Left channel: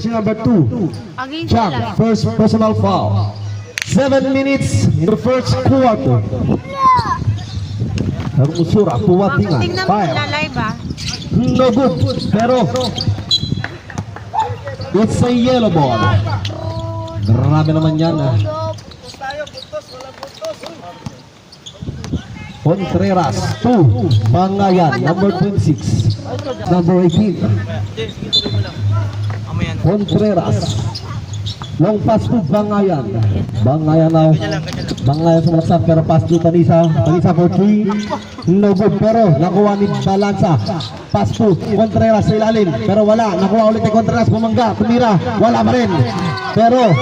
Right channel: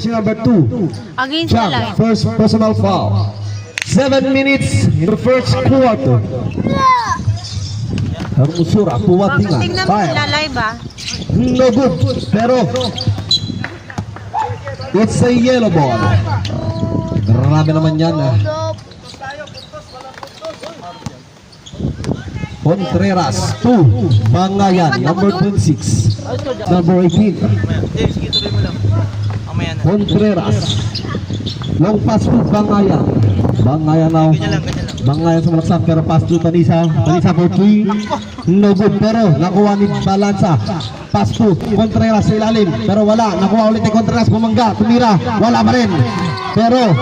Jersey number 2. Against Jump, nila. first personal foul. 7 minutes in the first quarter. Ang usura, Baka puwatingan. tingnan mo Fire. lalay ba? No good, pero it's a yellow ball. Grabe naman yan. Contreras, 2. Bangayan, number 26. Number 18. Contreras. Long pass to Bangayan. Bangayan now. Bangayan sumaksak pero pass to Tanisa. Tanisa for 3. No good pero nakuha ni Balansa. Pass to Contreras sa ilalim pero wala. Nakuha ulit ni Contreras. Bumangga. Tumira. Wala pa rin. Pero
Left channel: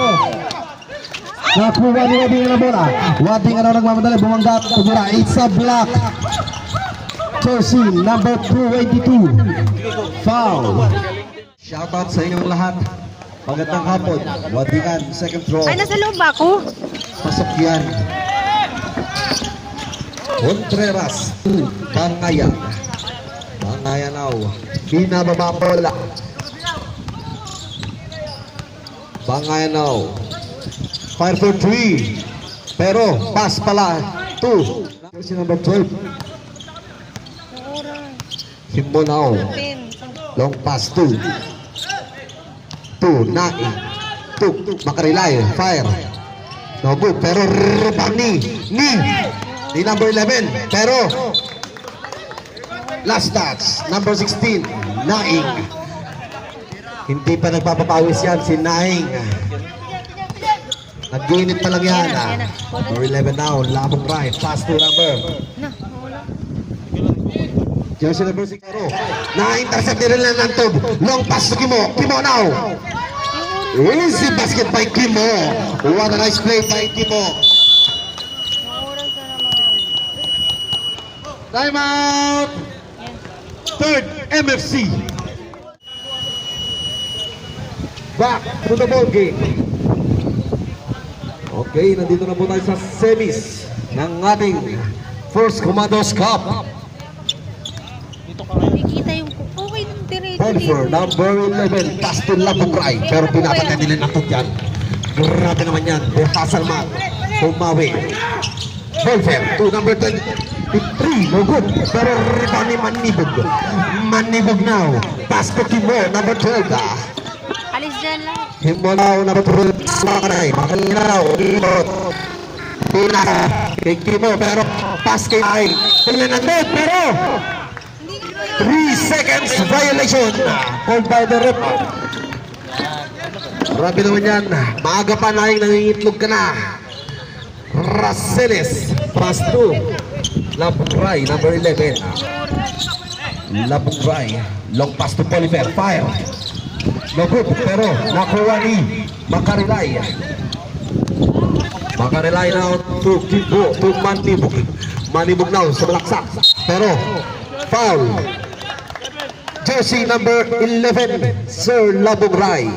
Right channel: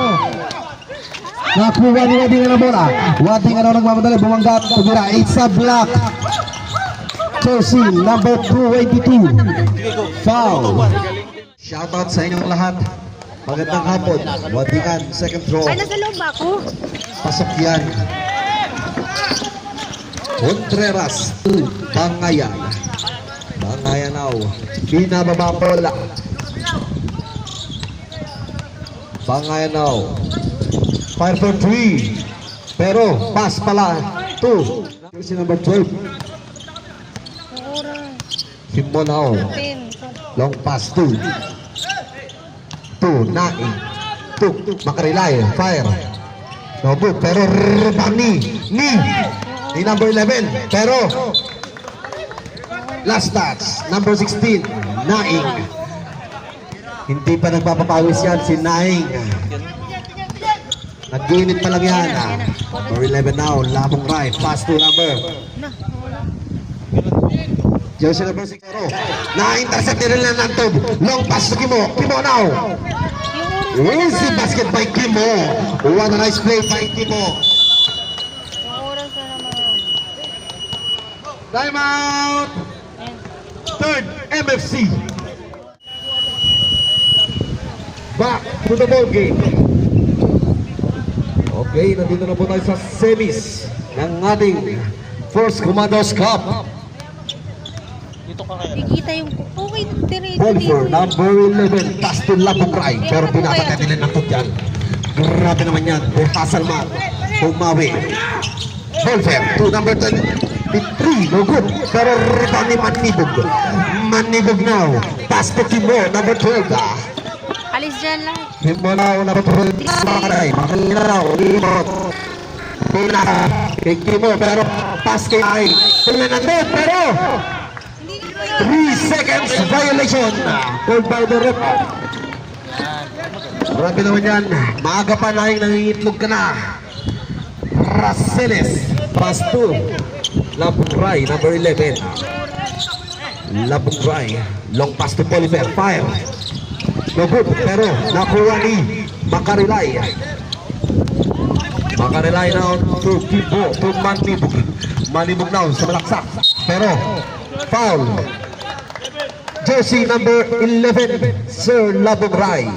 nakuha ni Wading na bola. Wading ano nagmamadali. Bumangga. Tumira. It's a block. Jersey number 282. Foul. Shoutout sa inyong lahat. Magandang hapon. Wadingan, second throw. Ay, nasa loob ba ako? Pasok yan. Contreras, Bangayan. Bangayan now. Binababa bola. Bangayan now. Fire for 3. Pero, pass pala. 2. Jersey number 12. Ang oras. Himbo now. 10. Long pass 2. 2, Nai. 2, Makarilay. Fire. No good. Pero Bani. Ni number 11. Pero last touch. Number 16. Naing. Hindi pa nagpapapawis yan si Naing. Nag-unit pa lang yan. Number 11 now. Labong right. Pass to number. Jersey number 6. Na-intercept din lang ng tub. Long pass to Kimo. Kimo now. Easy basket by Kimo. What a nice play by Kimo. Ang oras na naman. Time out. Third MFC. Back to the ball game. Okay, nandito na po tayo sa semis ng ating First Commandos Cup. Nakikita yung... Okay, diretso Belfer, dito. number 11, Dustin Labugray. Pero pinapatay nila ng yan. Grabe naman yan. Hasalman, Pumawi. Belfer, to number 10, 3, no good. Pero rebound ni Manibog. Manibog now. Pass to Kimo, number 12. Alis dyan lang. Kimo now, number 12. Makaray, Makalaw, Limot. Pina, kay Kimo, pero pass kay Ay. Pero 3 seconds violation called by the ref. Grabe naman yan. Maaga pa na yung nangingitlog ka na. Raceles, pass to Labugray, number 11. Labugray, long pass to Polifer, fire. No good, pero nakuha ni Makarilay. Makarilay now to Kibo, to Manibog. Manibog now sa malaksak. Pero foul. Jersey number 11, Sir Labugray.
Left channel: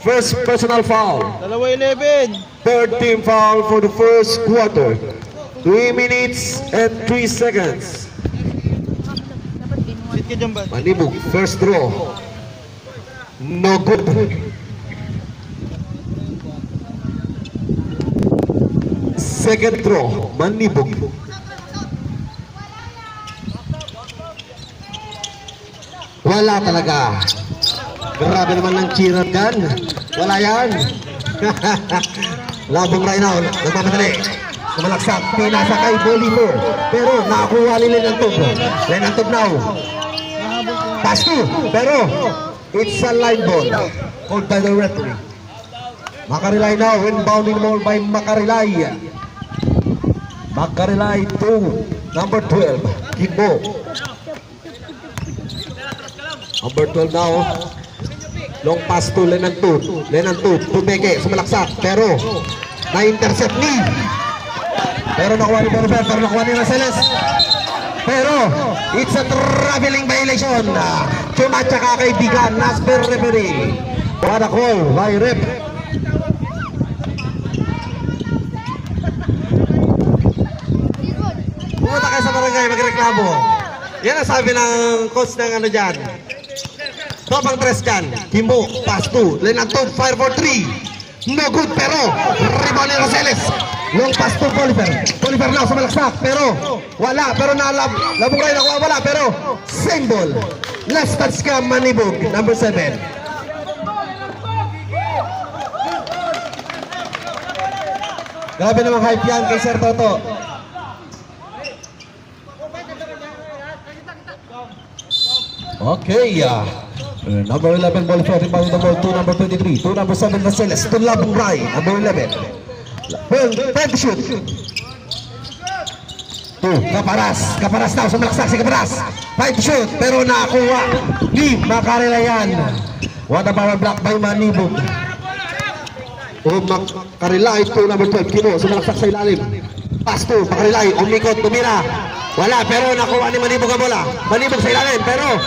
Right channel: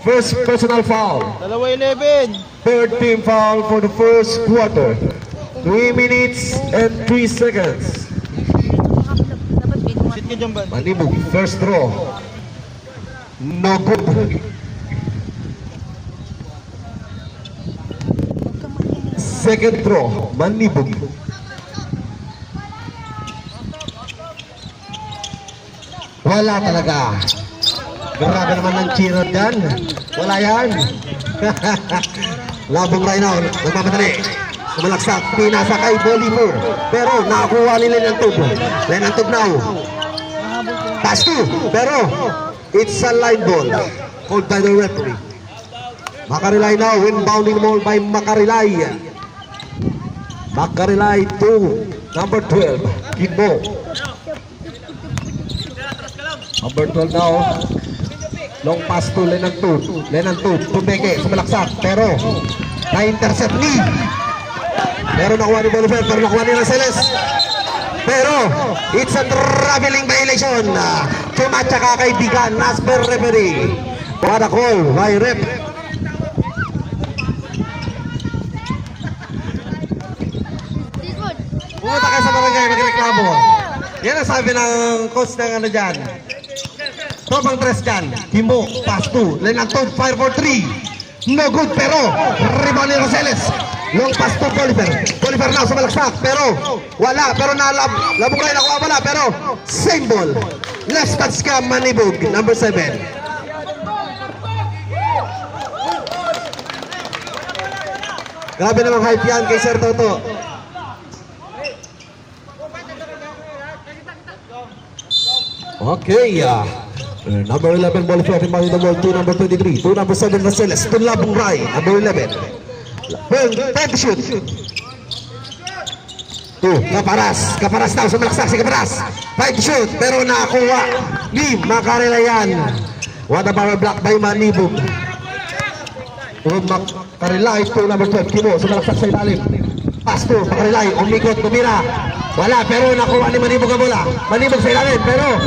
First personal foul. Dalawa 11. Third team foul for the first quarter. 3 minutes and 3 seconds. Sit ka dyan ba? Manibog, first throw. No good. Second throw, Manibog. Wala talaga. Grabe naman ng cheerer dyan. Wala yan. Labong right now. Nagmamadali. Sumalaksak. Pinasa kay Bolino. Pero nakakuha nila ng tub. Then ang tub now. Pass to. Pero it's a line ball. Called by the referee. Makarilay now. Inbounding ball by Makarilay. Makarilay to number 12. Kimbo. Number 12 now. Long pass to Lenan 2. Lenan 2. Tumeke. Sumalaksak. Pero na-intercept ni. Pero nakuha ni Bolivar. Pero nakuha ni Raceles. Pero it's a traveling violation. Tumatsa ka kaibigan. Nasper referee. What a call by ref. Pumunta kayo sa barangay magreklamo. Yan ang sabi ng coach ng ano dyan. Topang 3 dyan. Kimbo, pass 2. Lane ng 2, fire for 3. No good, pero rebound ni Rosales. Long pass to Bolivar. Bolivar na sumalaksak, pero wala. Pero labong kayo nakuha, wala. Pero same ball. Last touch ka, Manibog, number 7. Grabe namang hype yan kay Sir Toto. Okay, number 11 ball for him, number 2, number 23, 2, number 7 Rosales, Labong Rai, number 11. Time to shoot. 2, Kaparas na, sumalaksak si Kaparas. 5 to shoot, pero nakakuha ni Macarena yan. What a power block by Manibog. Macarilay, 2, number 12, Kino, sumalaksak sa ilalim. Pass 2, Macarilay, umikot, tumira. Wala, pero nakuha ni Manibog ang bola. Manibog sa ilalim, pero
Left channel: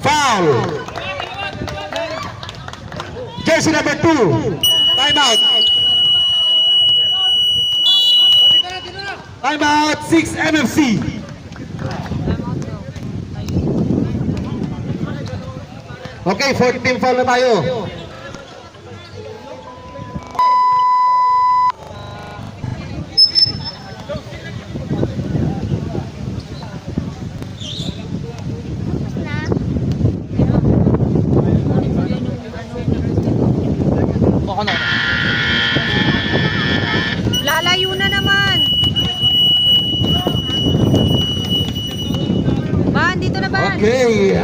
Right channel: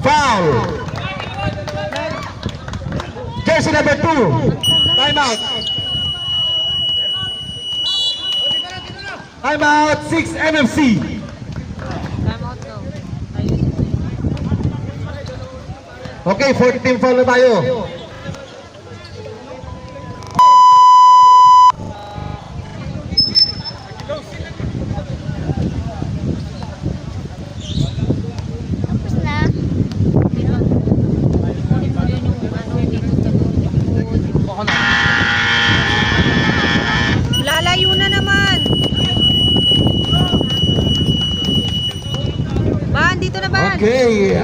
foul. Jersey number 2. Time out. Time out, 6 NFC. Okay, 14 foul na tayo. Lalayo na naman. Ban, dito na ban. Okay.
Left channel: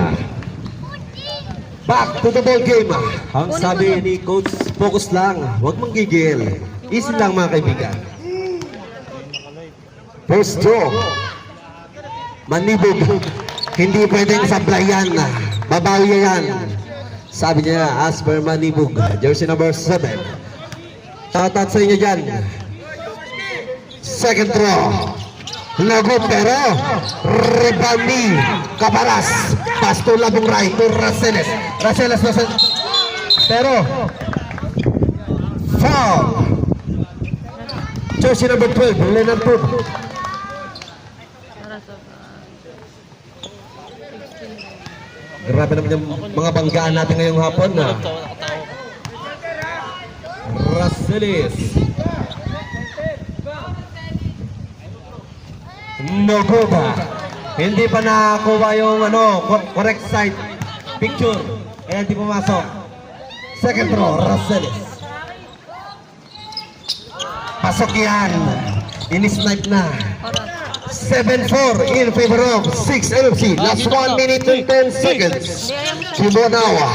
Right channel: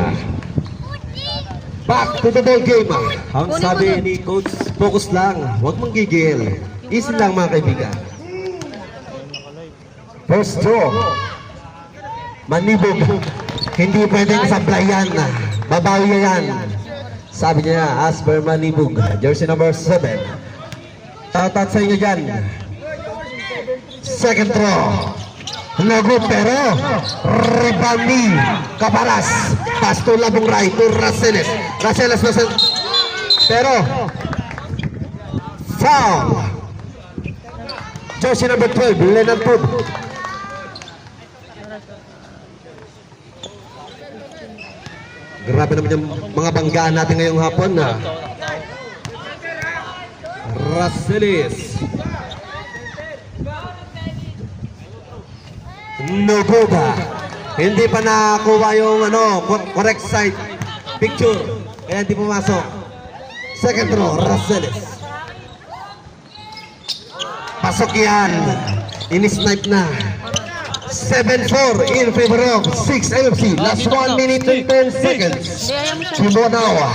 Back to the ball game. Ang sabi ni Coach, focus lang. Huwag mong gigil. Easy lang mga kaibigan. First draw. Manibog. Hindi pwedeng sablayan. Babawi yan. Sabi niya, as per Manibog. Jersey number 7. Tatat sa inyo dyan. Second draw. Lagot pero rebound ni Kaparas. Pass to Labong Rai to Rosales. Rosales pero foul. Jersey number 12, Leonard Pud. Grabe naman yung mga banggaan natin ngayong hapon na. Rosales. Noguba. Hindi pa nakuha yung correct side picture. Kaya hindi pumasok. Second row, Rosales. Pasok yan. In-snipe na. 7-4 in favor of 6 NFC. Last 1 minute and 10 seconds. Simonawa.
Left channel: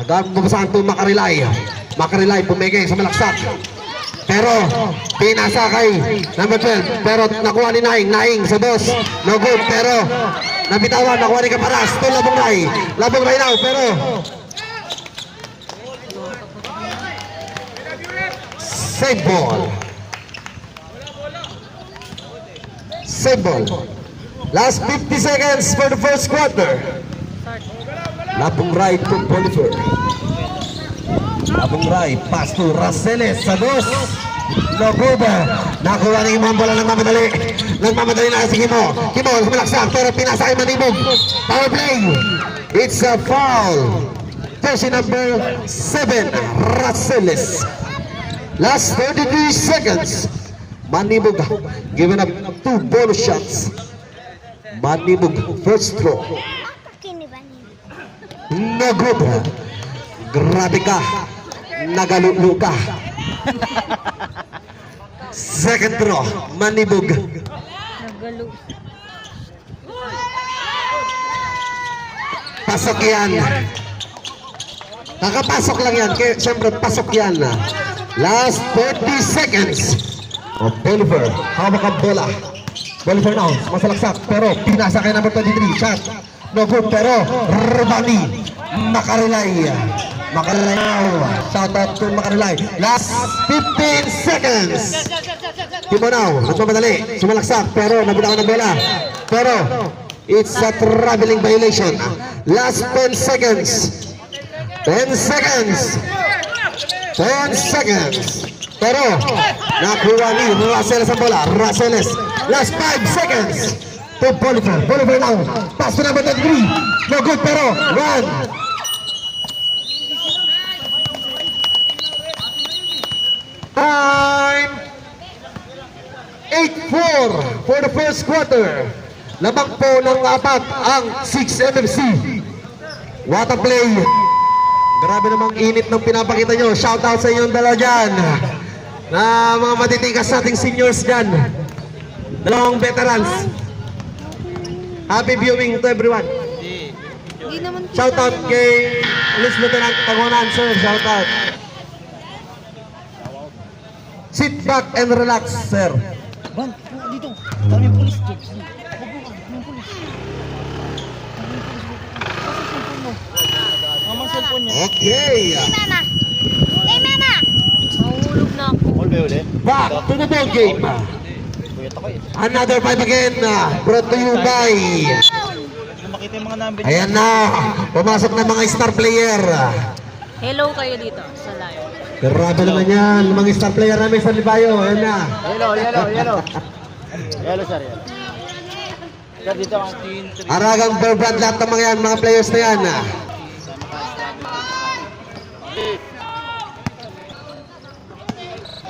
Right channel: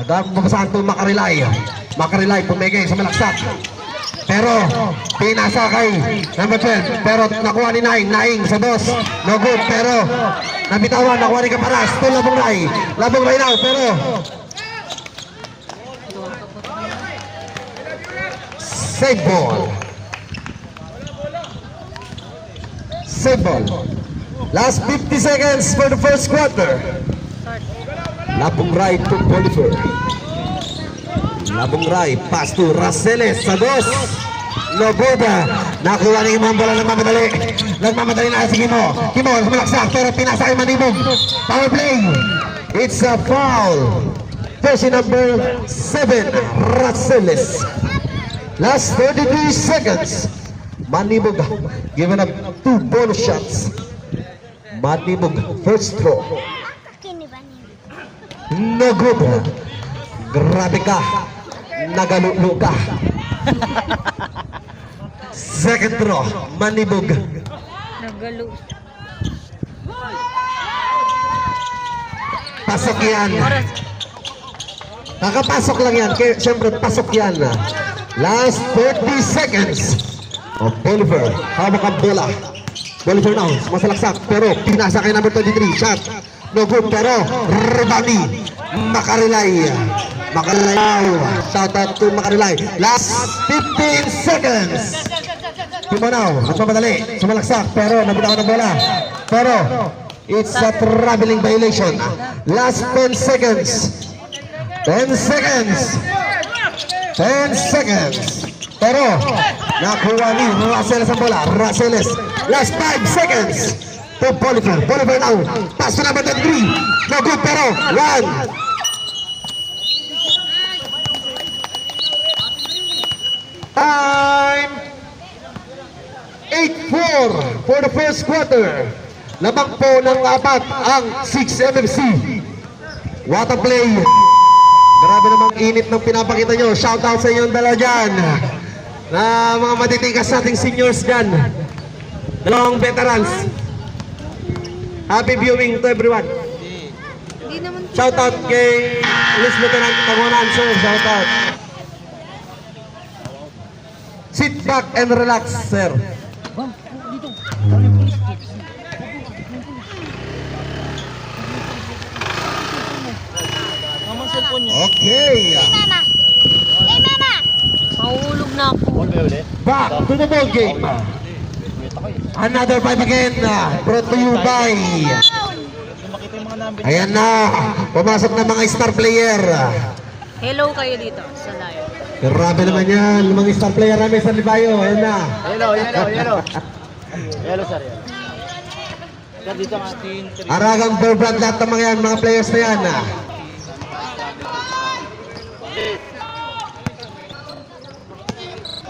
Nagpapasahan ito Macarilay. Macarilay pumigay sa malaksak. Pero pinasa kay number 12. Pero nakuha ni Naing sa dos. No good. Pero nabitawan. Nakuha ni Kaparas. Ito Labong Rai. Labong Rai daw. Pero save ball. Save ball. Last 50 seconds for the first quarter. Labong Rai to Bolivar. Labong Rai, pass to Rosales sa dos. Noguba. Nakuha ni Imam bola nagmamadali. Nagmamadali na si Kimo. Kimo, malaksak pero pinasa kay Manibog. Power play. It's a foul. Jersey number 7, Rosales. Last 33 seconds. Manibog given up 2 bonus shots. Manibog first throw. No good. Grabe ka. Nagalulu ka. Second throw. Manibog. Nagalo. Pasok yan. Kakapasok lang yan. Kaya siyempre pasok yan. Last 30 seconds. O Bolivar. Hawak ang bola. Bolivar now. Masalaksak. Pero pinasa kay number 23. Shot. No good. Pero rebound Macarilay. Macarilay. Shout out to Macarilay. Last 15 seconds. Kimo now. Nagmamadali. Sumalaksak. Pero nabitawan ang bola. Pero it's a traveling violation. Last 10 seconds. 10 seconds. 10 seconds. Pero nakuha ni Rosales ang bola. Rosales. Last 5 seconds. To Bolivar. Bolivar now. Pass to number 3. No good pero 1, Time! 8-4 for the first quarter. Lamang po ng apat ang 6 MFC. What a play! Grabe namang init ng pinapakita nyo. Shout out sa inyong dala dyan. Na mga matitikas nating seniors dyan. Dalawang veterans. Happy viewing to everyone. Hindi naman Shout out kay Police Lieutenant Tagonan, sir. Shout out. Sit back and relax, sir. Mamang cellphone niya. Okay. Mama! Hey, Mama! Mahulog na ako. Back to the ball game. Another 5 again. Brought to you by... Kung makita yung mga number. Ayan na. Pumasok na mga star player. Hello kayo dito sa live. Grabe naman yan. Mga star player namin sa Libayo. Ayan na. Yellow. Yellow, sir. Yellow. Sir, dito ang team. Aragang Bearbrand lahat ng mga players na yan.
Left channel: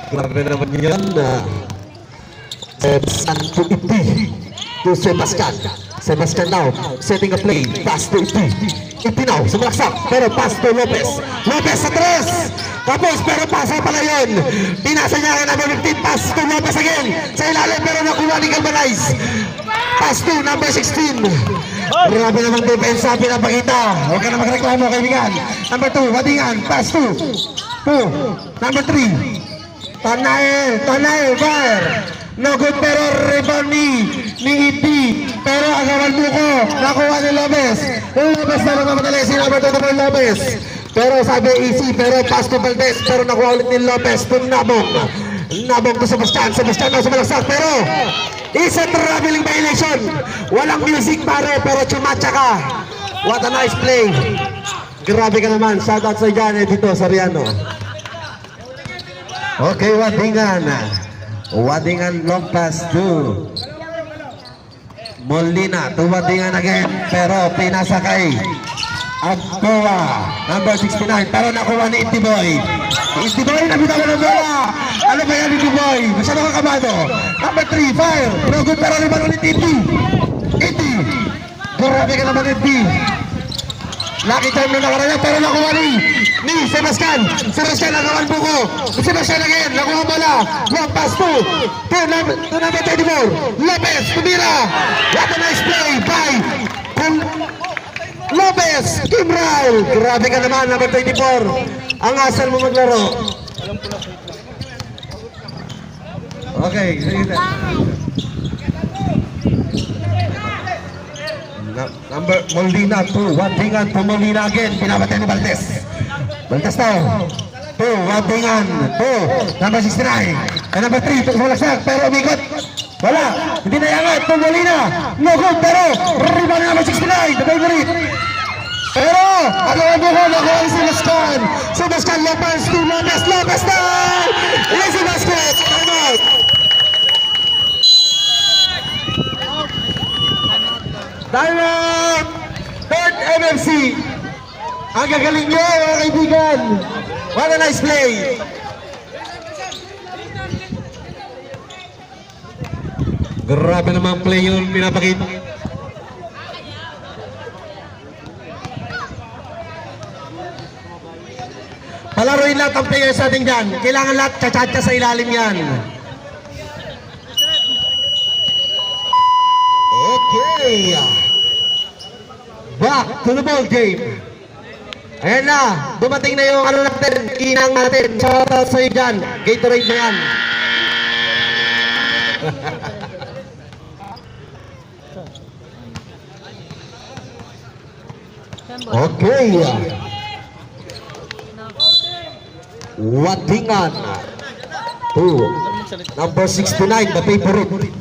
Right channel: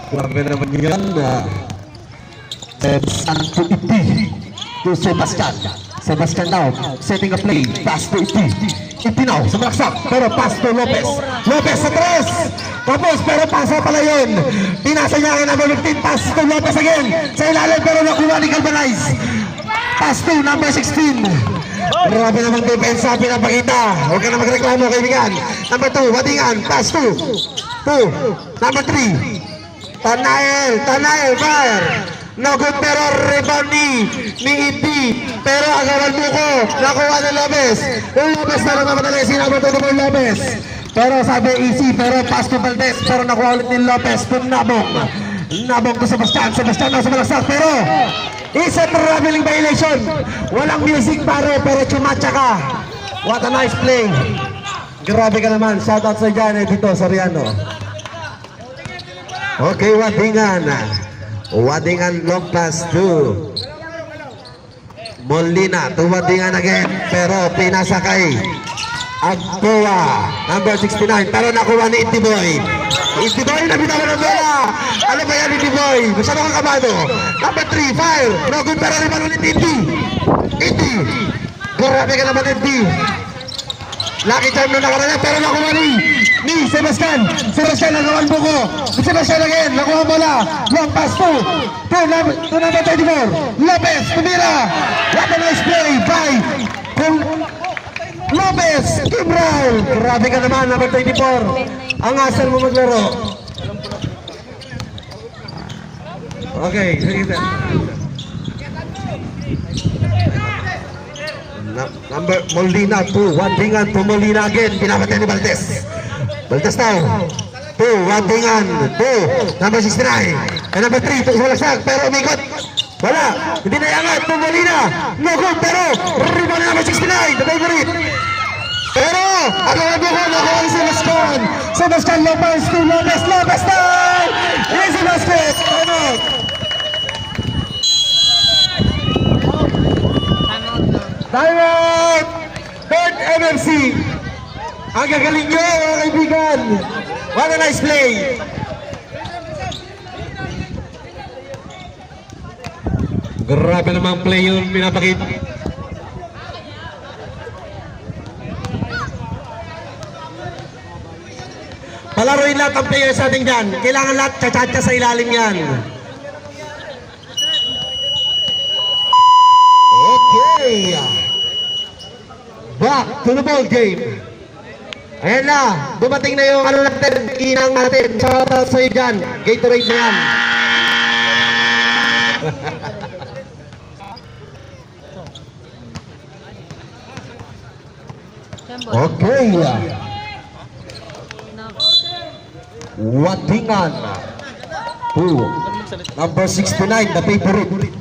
Grabe naman yan. Sebastian to Iti. To Sebastian. Sebastian now. Setting a play. Pass to Iti. Iti now. Sumalaksak. Pero pass to Lopez. Lopez sa tres. Lopez pero pasa pala yun. Pinasa niya kay number 15. Pass to Lopez again. Sa ilalim pero nakuha ni Galvanize. Pass to number 16. Grabe naman defense sa pinapakita. Huwag ka na magreklamo kaibigan. Number 2. Wadingan. Pass to. Number 3. Tanael, fire! No good pero rebound ni Iti. Pero agawan mo ko. Nakuha ni Lopez. Yung Lopez na nagmamadali. Sinabot ito ng Lopez. Pero sabi easy. Pero pass to Valdez. Pero nakuha ulit ni Lopez. Nabong to Sebastian. Sebastian na sumalaksak. Pero is a traveling violation. Walang music pare. Pero chumatsa ka. What a nice play. Grabe ka naman. Shout out sa dyan dito sa Riano. Okay, Wadingan. Wadingan long pass to Molina. To Wadingan again. Pero pinasa kay Agboa. Number 69. Pero nakuha ni Intiboy. Intiboy na bitawan ng bola. Ano ba yan Intiboy? Gusto na kakamado. Number 3. Fire. No good pero naman ulit Inti. Inti. Grabe ka naman Inti. Lucky time na nakaraan pero nakuha ni Sebastian. Sebastian nagawan mo ko. Sebastian again. Nakuha bola. Long pass to number 24. Lopez. Tumira. What a nice play by Lopez. Gibral. Grabe ka naman. Number 24. Ang asal mo maglaro. Okay. Sige sir. Number Molina to Wadingan to Molina again. Pinapatay ni Valdez. Valdez now. To Wadingan to number 69. And number 3 to Sumalaksak. Pero umikot. Wala. Hindi na yangat to Molina. No good pero rebound number 69. The favorite. Pero ako ang buko nakuha ni Sebastian. Sebastian Lopez to Lopez. Lopez now. Easy basket. Time out! Fourth MFC! Ang gagaling nyo mga kaibigan! What a nice play! Grabe namang play yun pinapakita. Palaruin lahat ang players natin dyan. Kailangan lahat tsatsa sa ilalim yan. Okay. Back to the ball game. Ayan na. Dumating na yung ano natin. Inang natin. Shout out sa'yo dyan. Gatorade na yan. Okay. Wadingan. To number 69. The favorite.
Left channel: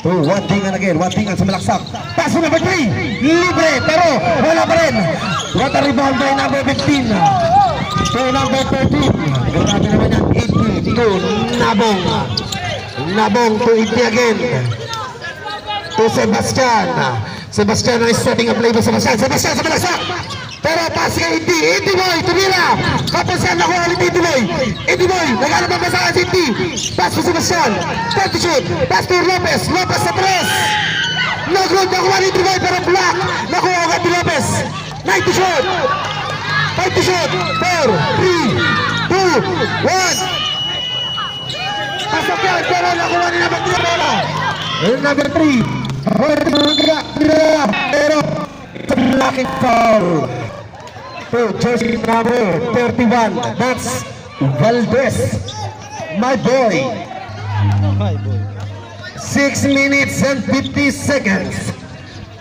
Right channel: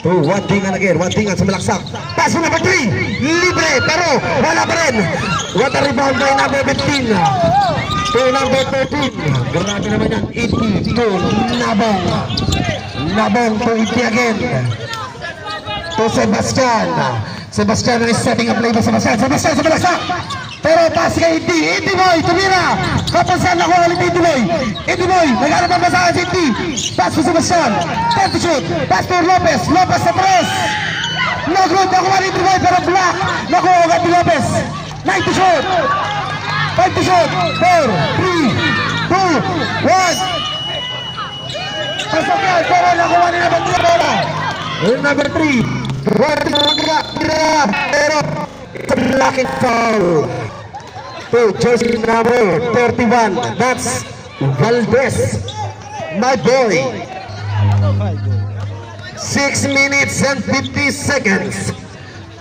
To Wadingan again. Wadingan sumalaksak. Pass number 3. Libre. Pero wala pa rin. What a rebound by number 15. To number 13. Grabe naman yan. 80 to Nabong. Nabong to 80 again. To Sebastian. Sebastian is setting a play by Sebastian. Sebastian sumalaksak. Pero pass kay Indy. Indy Boy, tumira. Kapasan ako ulit Indy Boy. Indy Boy, nagharap ang pasahan si Indy. Pass to Sebastian. Dirty shoot. Pass to Lopez. Lopez sa tres. Nag-root nakuha ni Indy Boy pero block. Nakuha agad ni Lopez. 90 shoot. 50 shoot. 4, 3, 2, 1. Pasok yan. Pero nakuha ni number 3 bola. Number 3. Pero blocking foul to jersey number 31. That's Valdez, my boy. 6 minutes and 50 seconds.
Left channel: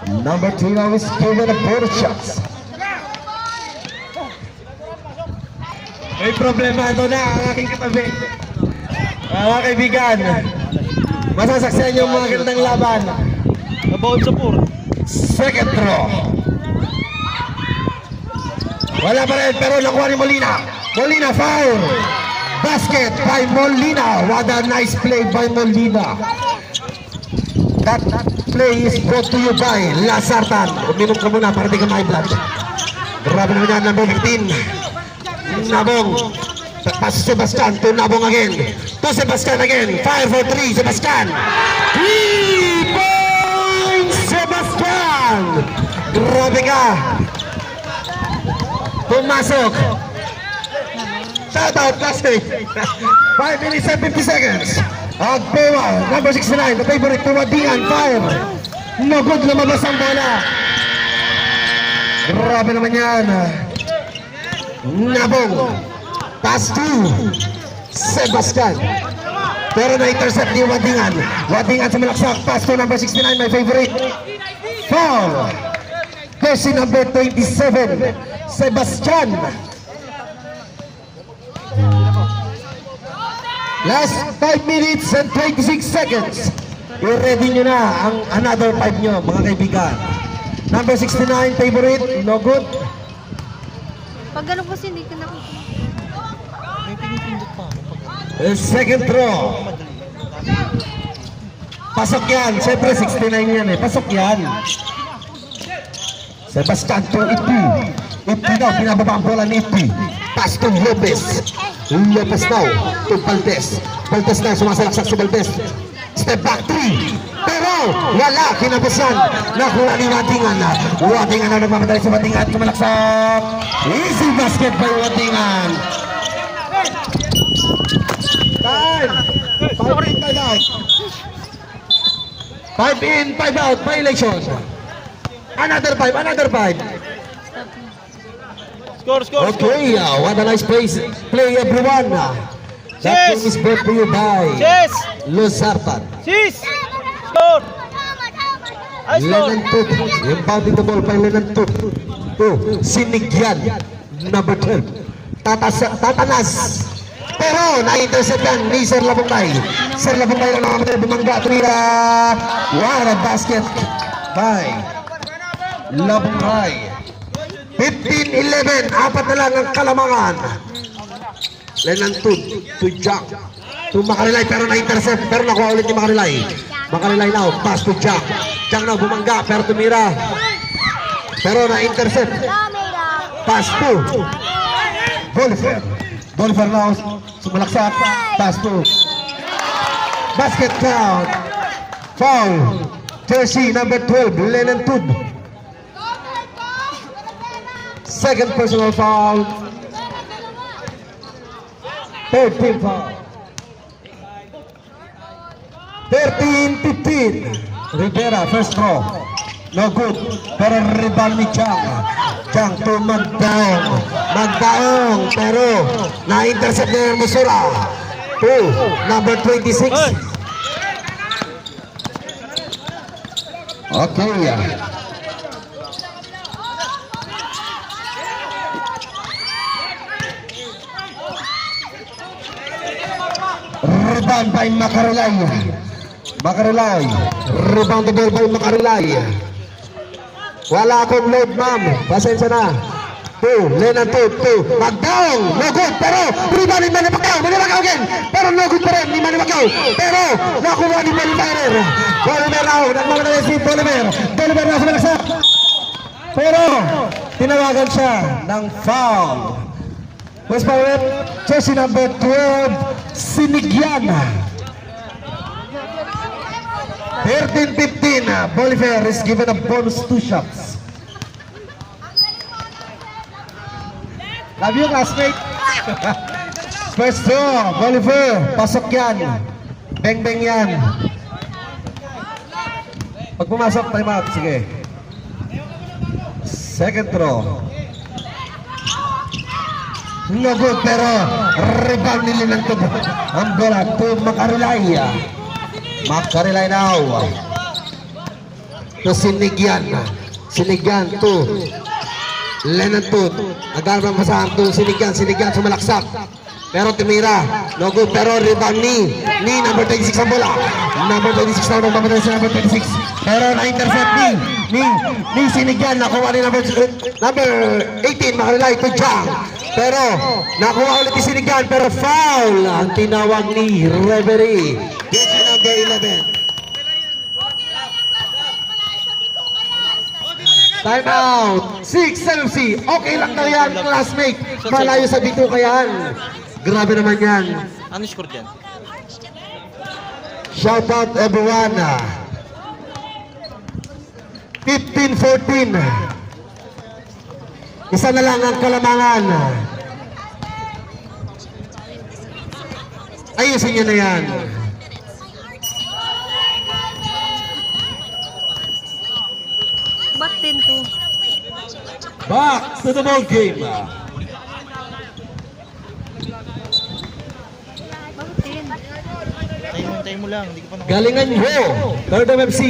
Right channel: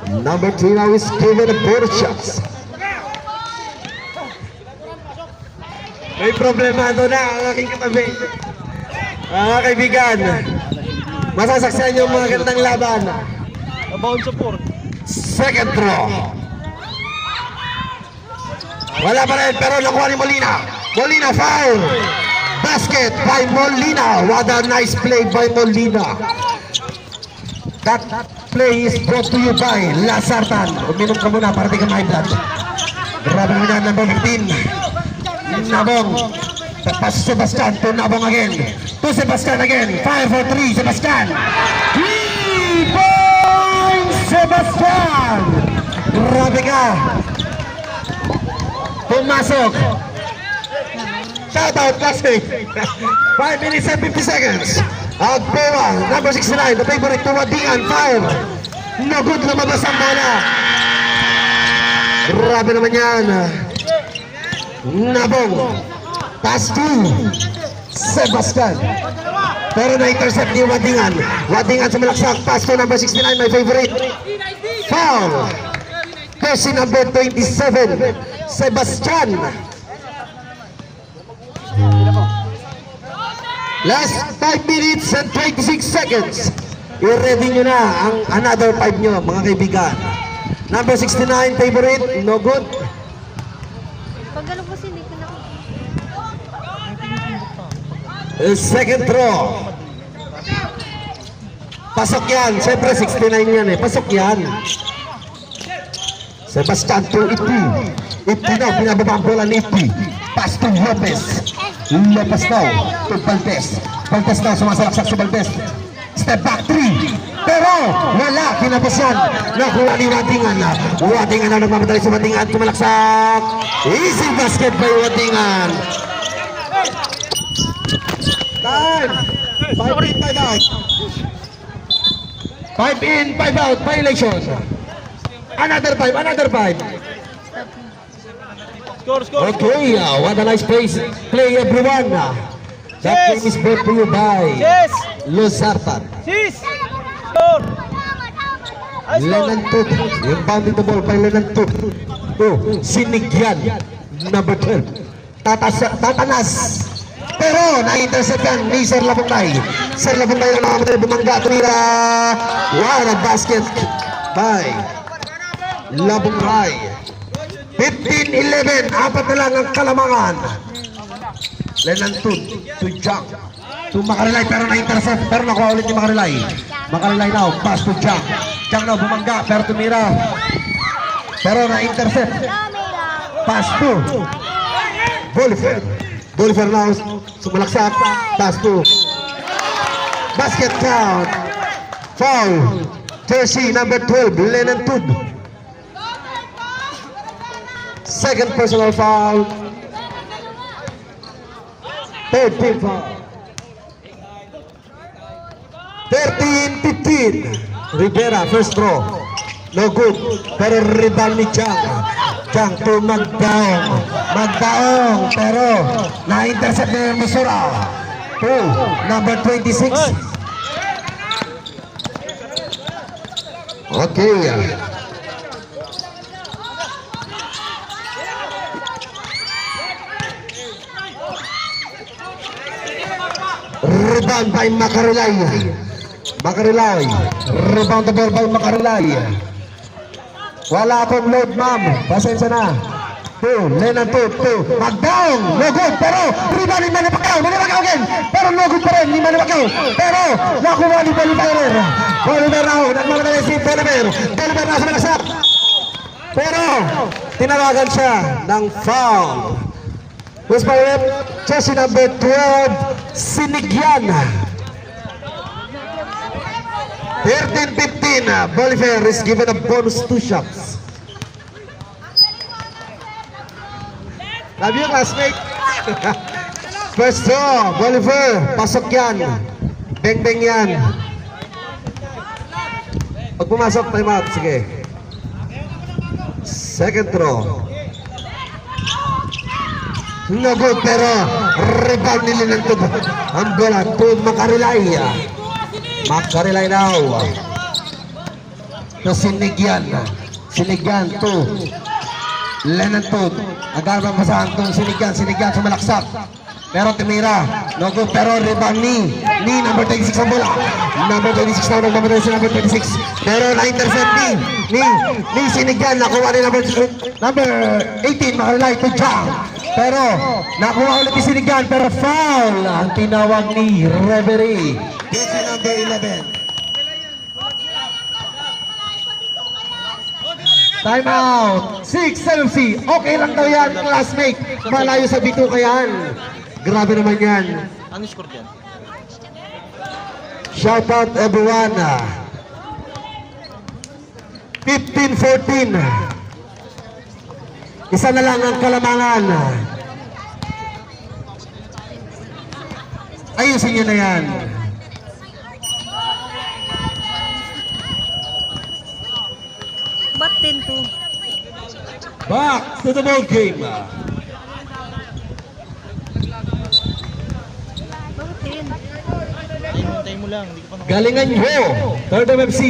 Number 2 now is given a border shots. May problemado na ang aking katabi. Mga kaibigan, masasaksan yung mga gandang laban. About sa 4. Second throw. Wala pa rin pero nakuha ni Molina. Molina foul. Basket by Molina. What a nice play by Molina. That play is brought to you by Lasartan. Uminom ka muna para di ka ma-blood. Grabe mo na number 15. Nabong. Pass Sebastian to Nabong again. To Sebastian again. Fire for 3. Sebastian. 3 points Sebastian. Grabe ka. Pumasok. Shout out plastic. 5 minutes and 50 seconds. Agpoa, number 69, the favorite to Wadingan, foul. No good, lumabas ang bola. Grabe naman yan. Nabong. Pass to Sebastian. Pero na-intercept ni Wadingan. Wadingan sa malaksak. Pass to number 69, my favorite. Foul. Jersey number 27, Sebastian. Last 5 minutes and 26 seconds. I-ready nyo na ang another 5 nyo, mga kaibigan. Number 69, favorite, no good. Pag gano'n kasi hindi ka na. Second throw. Pasok yan. Siyempre 69 yan eh. Pasok yan. Sebastian to Ipi. Ipi daw, pinababa ang bola ni Ipi. Pass to Lopez. Lopez daw to Valdez. Valdez daw, sumasalaksak si Valdez. Step back 3. Pero wala, kinapasan. Nakuha ni Wadingan. Wadingan na nagmamadali sa Wadingan. Tumalaksak. Easy basket by Wadingan. Time. 5 in, 5 out. 5 in, 5 out. Violation. Another 5, another 5. Score. Okay, what a nice play everyone. That game is brought to you by Yes. Luzartan. Sis. Score. Lenan Tut, yung bounding the ball by Lenan Tut. To Sinigyan, number 12. Tatanas. Pero na-intercept yan ni Sir Labungay. Sir Labungay lang nakamatay bumangga. Tumira. Wow, na basket by Labungay. 15-11, apat na lang ang kalamangan. Lenan to Jack. To Makarilay, pero na-intercept. Pero nakuha ulit ni Makarilay. Makarilay now, pass to Jack. Jack now, bumangga, pero tumira. Pero na-intercept. Pass to Bolifer. Bolifer now, sumalaksak. Pass to basket count. Foul. Jersey number 12, Lenan Tub. Second personal foul. Third team foul. 13-15. Rivera, first throw. No good. Pero rebound ni Chang. Chang to Magdaong. Magdaong. Pero na-intercept na yung Musura. To number 26. Okay. Rebound by Makarilay. Makarilay. Rebound the ball by Makarilay. Wala akong load, ma'am. Pasensya na. Lenan to. Magdown. No good. Pero rebound ni Manny Pacquiao. Manny Pacquiao again. Pero no good pa rin ni Manny Pacquiao. Pero nakuha ni Bolivar. Bolivar now. Nagmamadali si Bolivar. Bolivar na sa malaksak. Pero tinawagan siya ng foul. West Pirate, jersey number 12, Sinigyan. 13-15, Bolivar is given a bonus 2 shots. Love you, classmate. First throw, Bolivar, pasok yan. Beng-beng yan. Pag pumasok, time out, sige. Second throw. No good, pero rebound nila ng tubo. Ang bola to Macarilay. Macarilay now. To Sinigyan. Sinigyan to Lenan to. Agarang masahan to Sinigyan. Sinigyan sumalaksak. Pero Timira. No good, pero rebound ni number 26 ang bola. Number 26 na nagmamatay sa number 26. Pero na-intercept ni Sinigyan. Nakuha ni number 18 Macarilay to Jam. Pero nakuha ulit ni Sinigyan, pero foul ang tinawag ni referee. Jersey number 11. Time out. 6 LFC. Okay lang daw yan, classmate. Malayo sa bituka yan. Grabe naman yan. Ano score dyan? Shout out everyone. 15-14. Isa na lang ang kalamangan. Ayusin nyo na yan. Ba't 10-2? Back to the ball game. Bakit 10? Tayo mo lang, hindi ko pa Galingan nyo. Third MFC.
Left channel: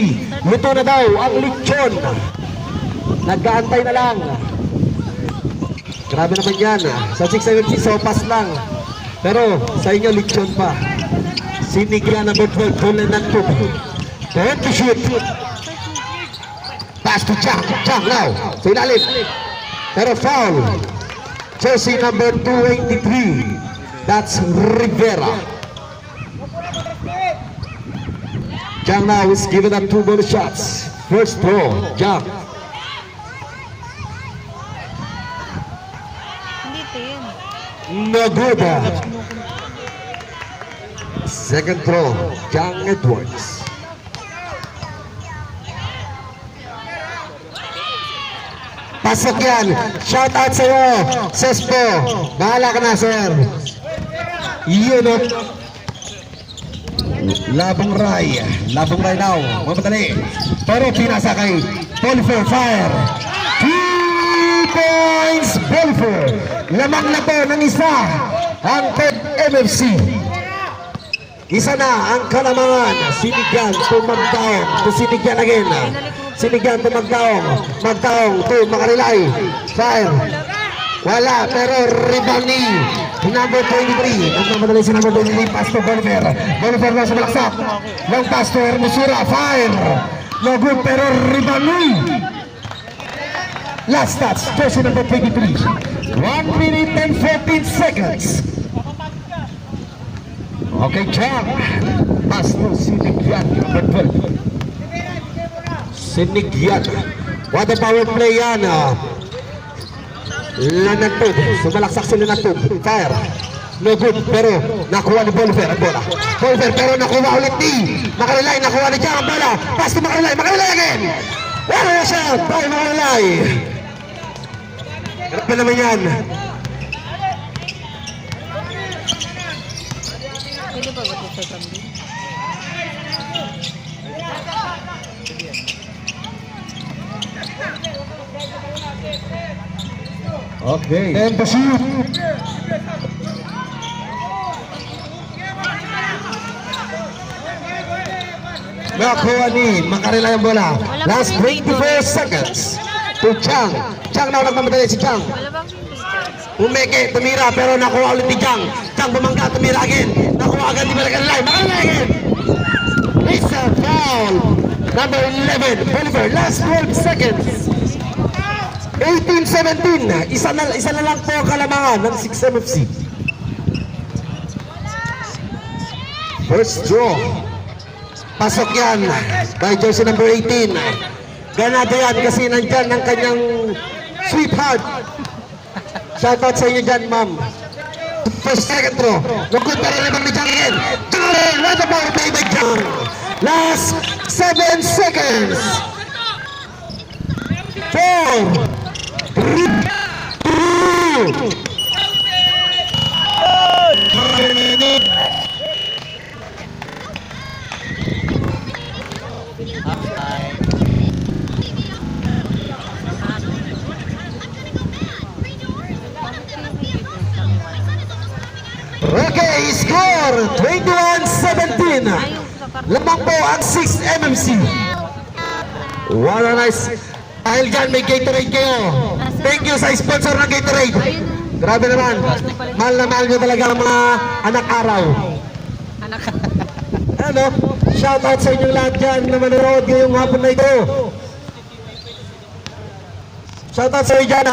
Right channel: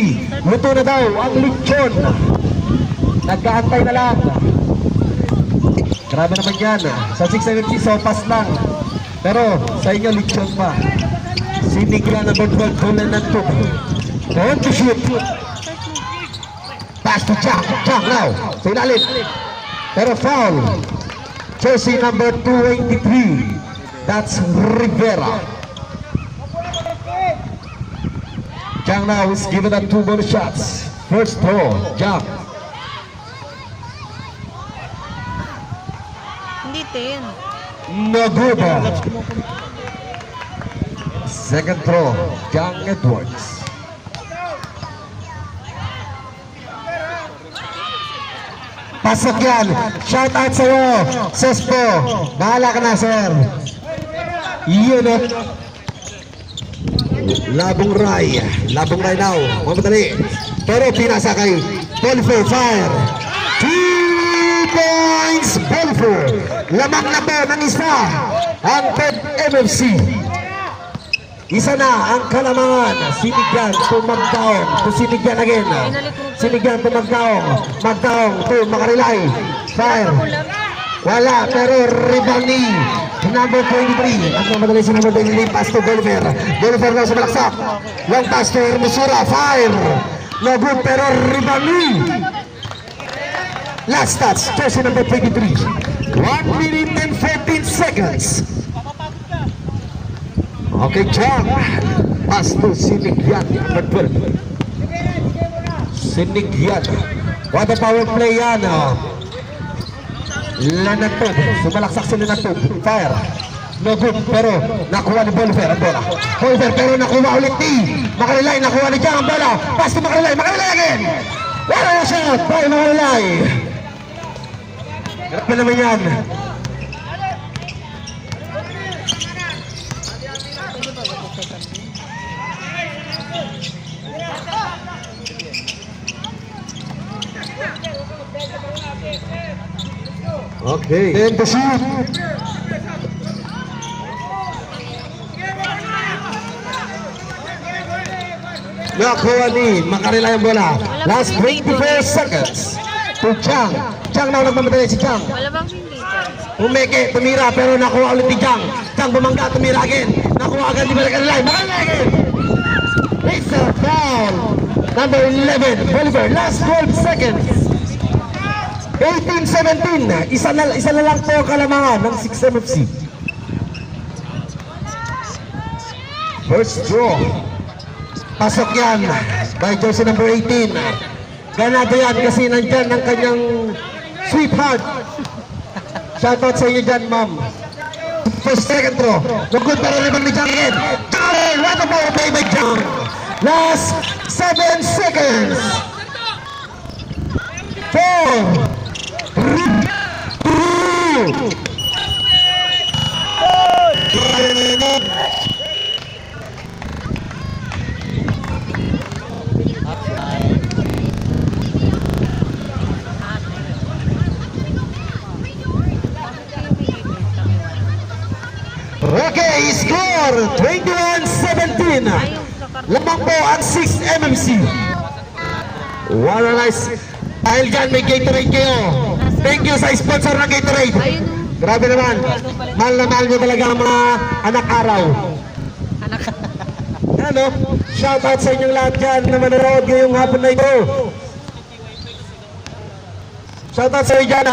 Luto na daw ang lechon. Nagkaantay na lang. Grabe naman yan. Sa 6 MFC, sopas lang. Pero sa inyo, lechon pa. Sinigla na bedwell, tulan ng tub. Turn to shoot. Pass to Chang. Chang now. Sa ilalim. Pero foul. Jersey number 283. That's Rivera. Chang now is given up 2 bonus shots. First throw. Chang. Hindi 10. No good. Second throw, John Edwards. Pasok yan. Shout out sa iyo, Sespo. Bahala ka na, sir. Yun o. Labong Ray. Labong Ray now. Mamadali. Pero pinasa kay Bolfer. Fire. 2 points. Bolfer. Lamang na po ng isa. Ang third MFC. Isa na ang kalamangan. Sinigyan to Magdaong. To Sinigyan again. Sinigyan to Magdaong. Magdaong to Macarilay. Fire. Wala. Pero rebound number 23. Ang namadali sa number 23. Pass to Bolivar. Bolivar na sumalaksak. Yung pass to Hermosura. Fire. No good. Pero rebound last touch. Jersey number 23. 1 minute and 14 seconds. Okay, Chang. Pass to Sinigyan. Number 12. Sinigyan. What a power play yan. Lanatod. Sumalaksak si Lanatod. Fire. No good. Pero nakuha ni Bolivar ang bola. Bolivar pero nakuha ulit ni Macarilay. Nakuha ni Chang ang bola. Pass to Macarilay. Macarilay again. Wala siya. By Macarilay. Grabe naman yan. Sino ba yung second game? Okay. And the shoot. Nakuha ni Macarilay ang bola. Last 24 seconds. To Chang. Chang na nagmamadali si Chang. Wala bang hindi? Umeke, tumira, pero nakuha ulit ni Chang. Chang bumangga, tumira again. Nakuha agad ni Macarilay. Macarilay again. It's a foul. Number 11, Bolivar. Last 12 seconds. 18-17. Isa na lang po kalamangan ng 6 MFC. First draw. Pasok yan by jersey number 18. Ganado yan kasi nandyan ang kanyang Sweetheart. Shoutout sa inyo dyan, ma'am. First, second throw. No good, pero limang ni Jang again. Jang! What a ball play by Jang. Last 7 seconds. 4, 3, 2. Okay, score 21-17. Lamang po ang 6 MMC. What a nice. Dahil dyan may Gatorade kayo. Thank you sa sponsor ng Gatorade. Grabe naman. Mahal na mahal nyo talaga ang mga anak araw. Anak. Ano? Shout out sa inyong lahat dyan na manonood ngayong hapon na ito. Shout out sa inyo dyan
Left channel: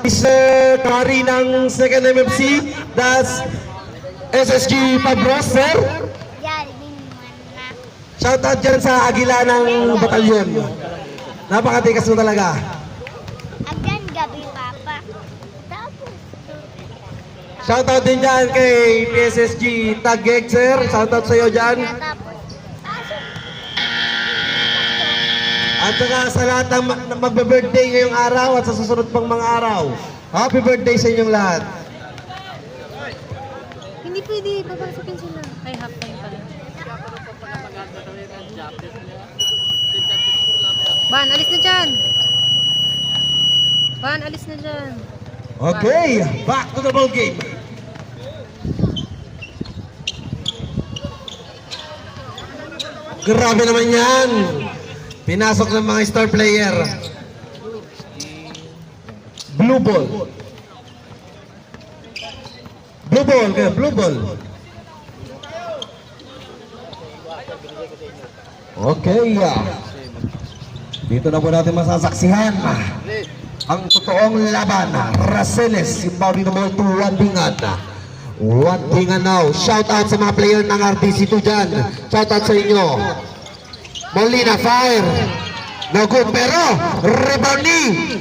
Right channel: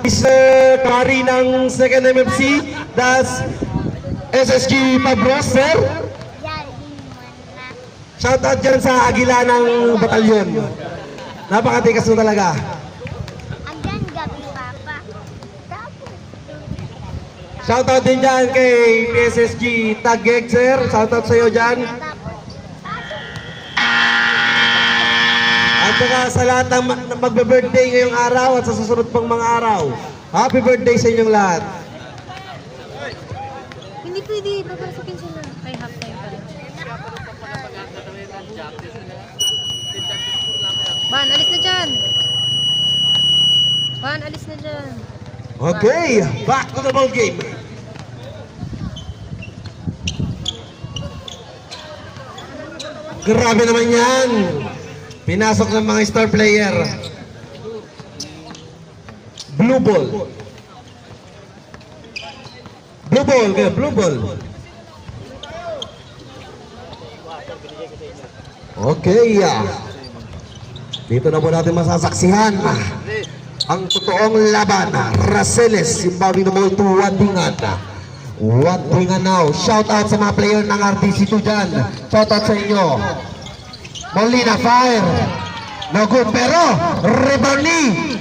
Mr. Kari ng 2nd MMC. That's SSG Pabros, sir. Shout out dyan sa Agila ng batalyon. Napakatikas mo talaga. Hanggang gabi, Papa. Shout out din dyan kay PSSG Taguig, sir. Shout out sa iyo dyan. At saka sa lahat ng magbe-birthday ngayong araw at sa susunod pang mga araw. Happy birthday sa inyong lahat. Hindi pwede, paparasakin sila. Ay, half time pa rin. Ban, alis na dyan. Ban, alis na dyan. Okay, back to the ball game. Grabe naman yan. Pinasok ng mga star player. Blue ball. Blue ball, kaya blue ball. Okay. Dito na po natin masasaksihan ang totoong laban. Raceles, Zimbabwe no ball to Wadingan. Wadingan now. Shout out sa mga player ng RTC2 dyan. Shout out sa inyo. Molina fire. No good, pero rebound ni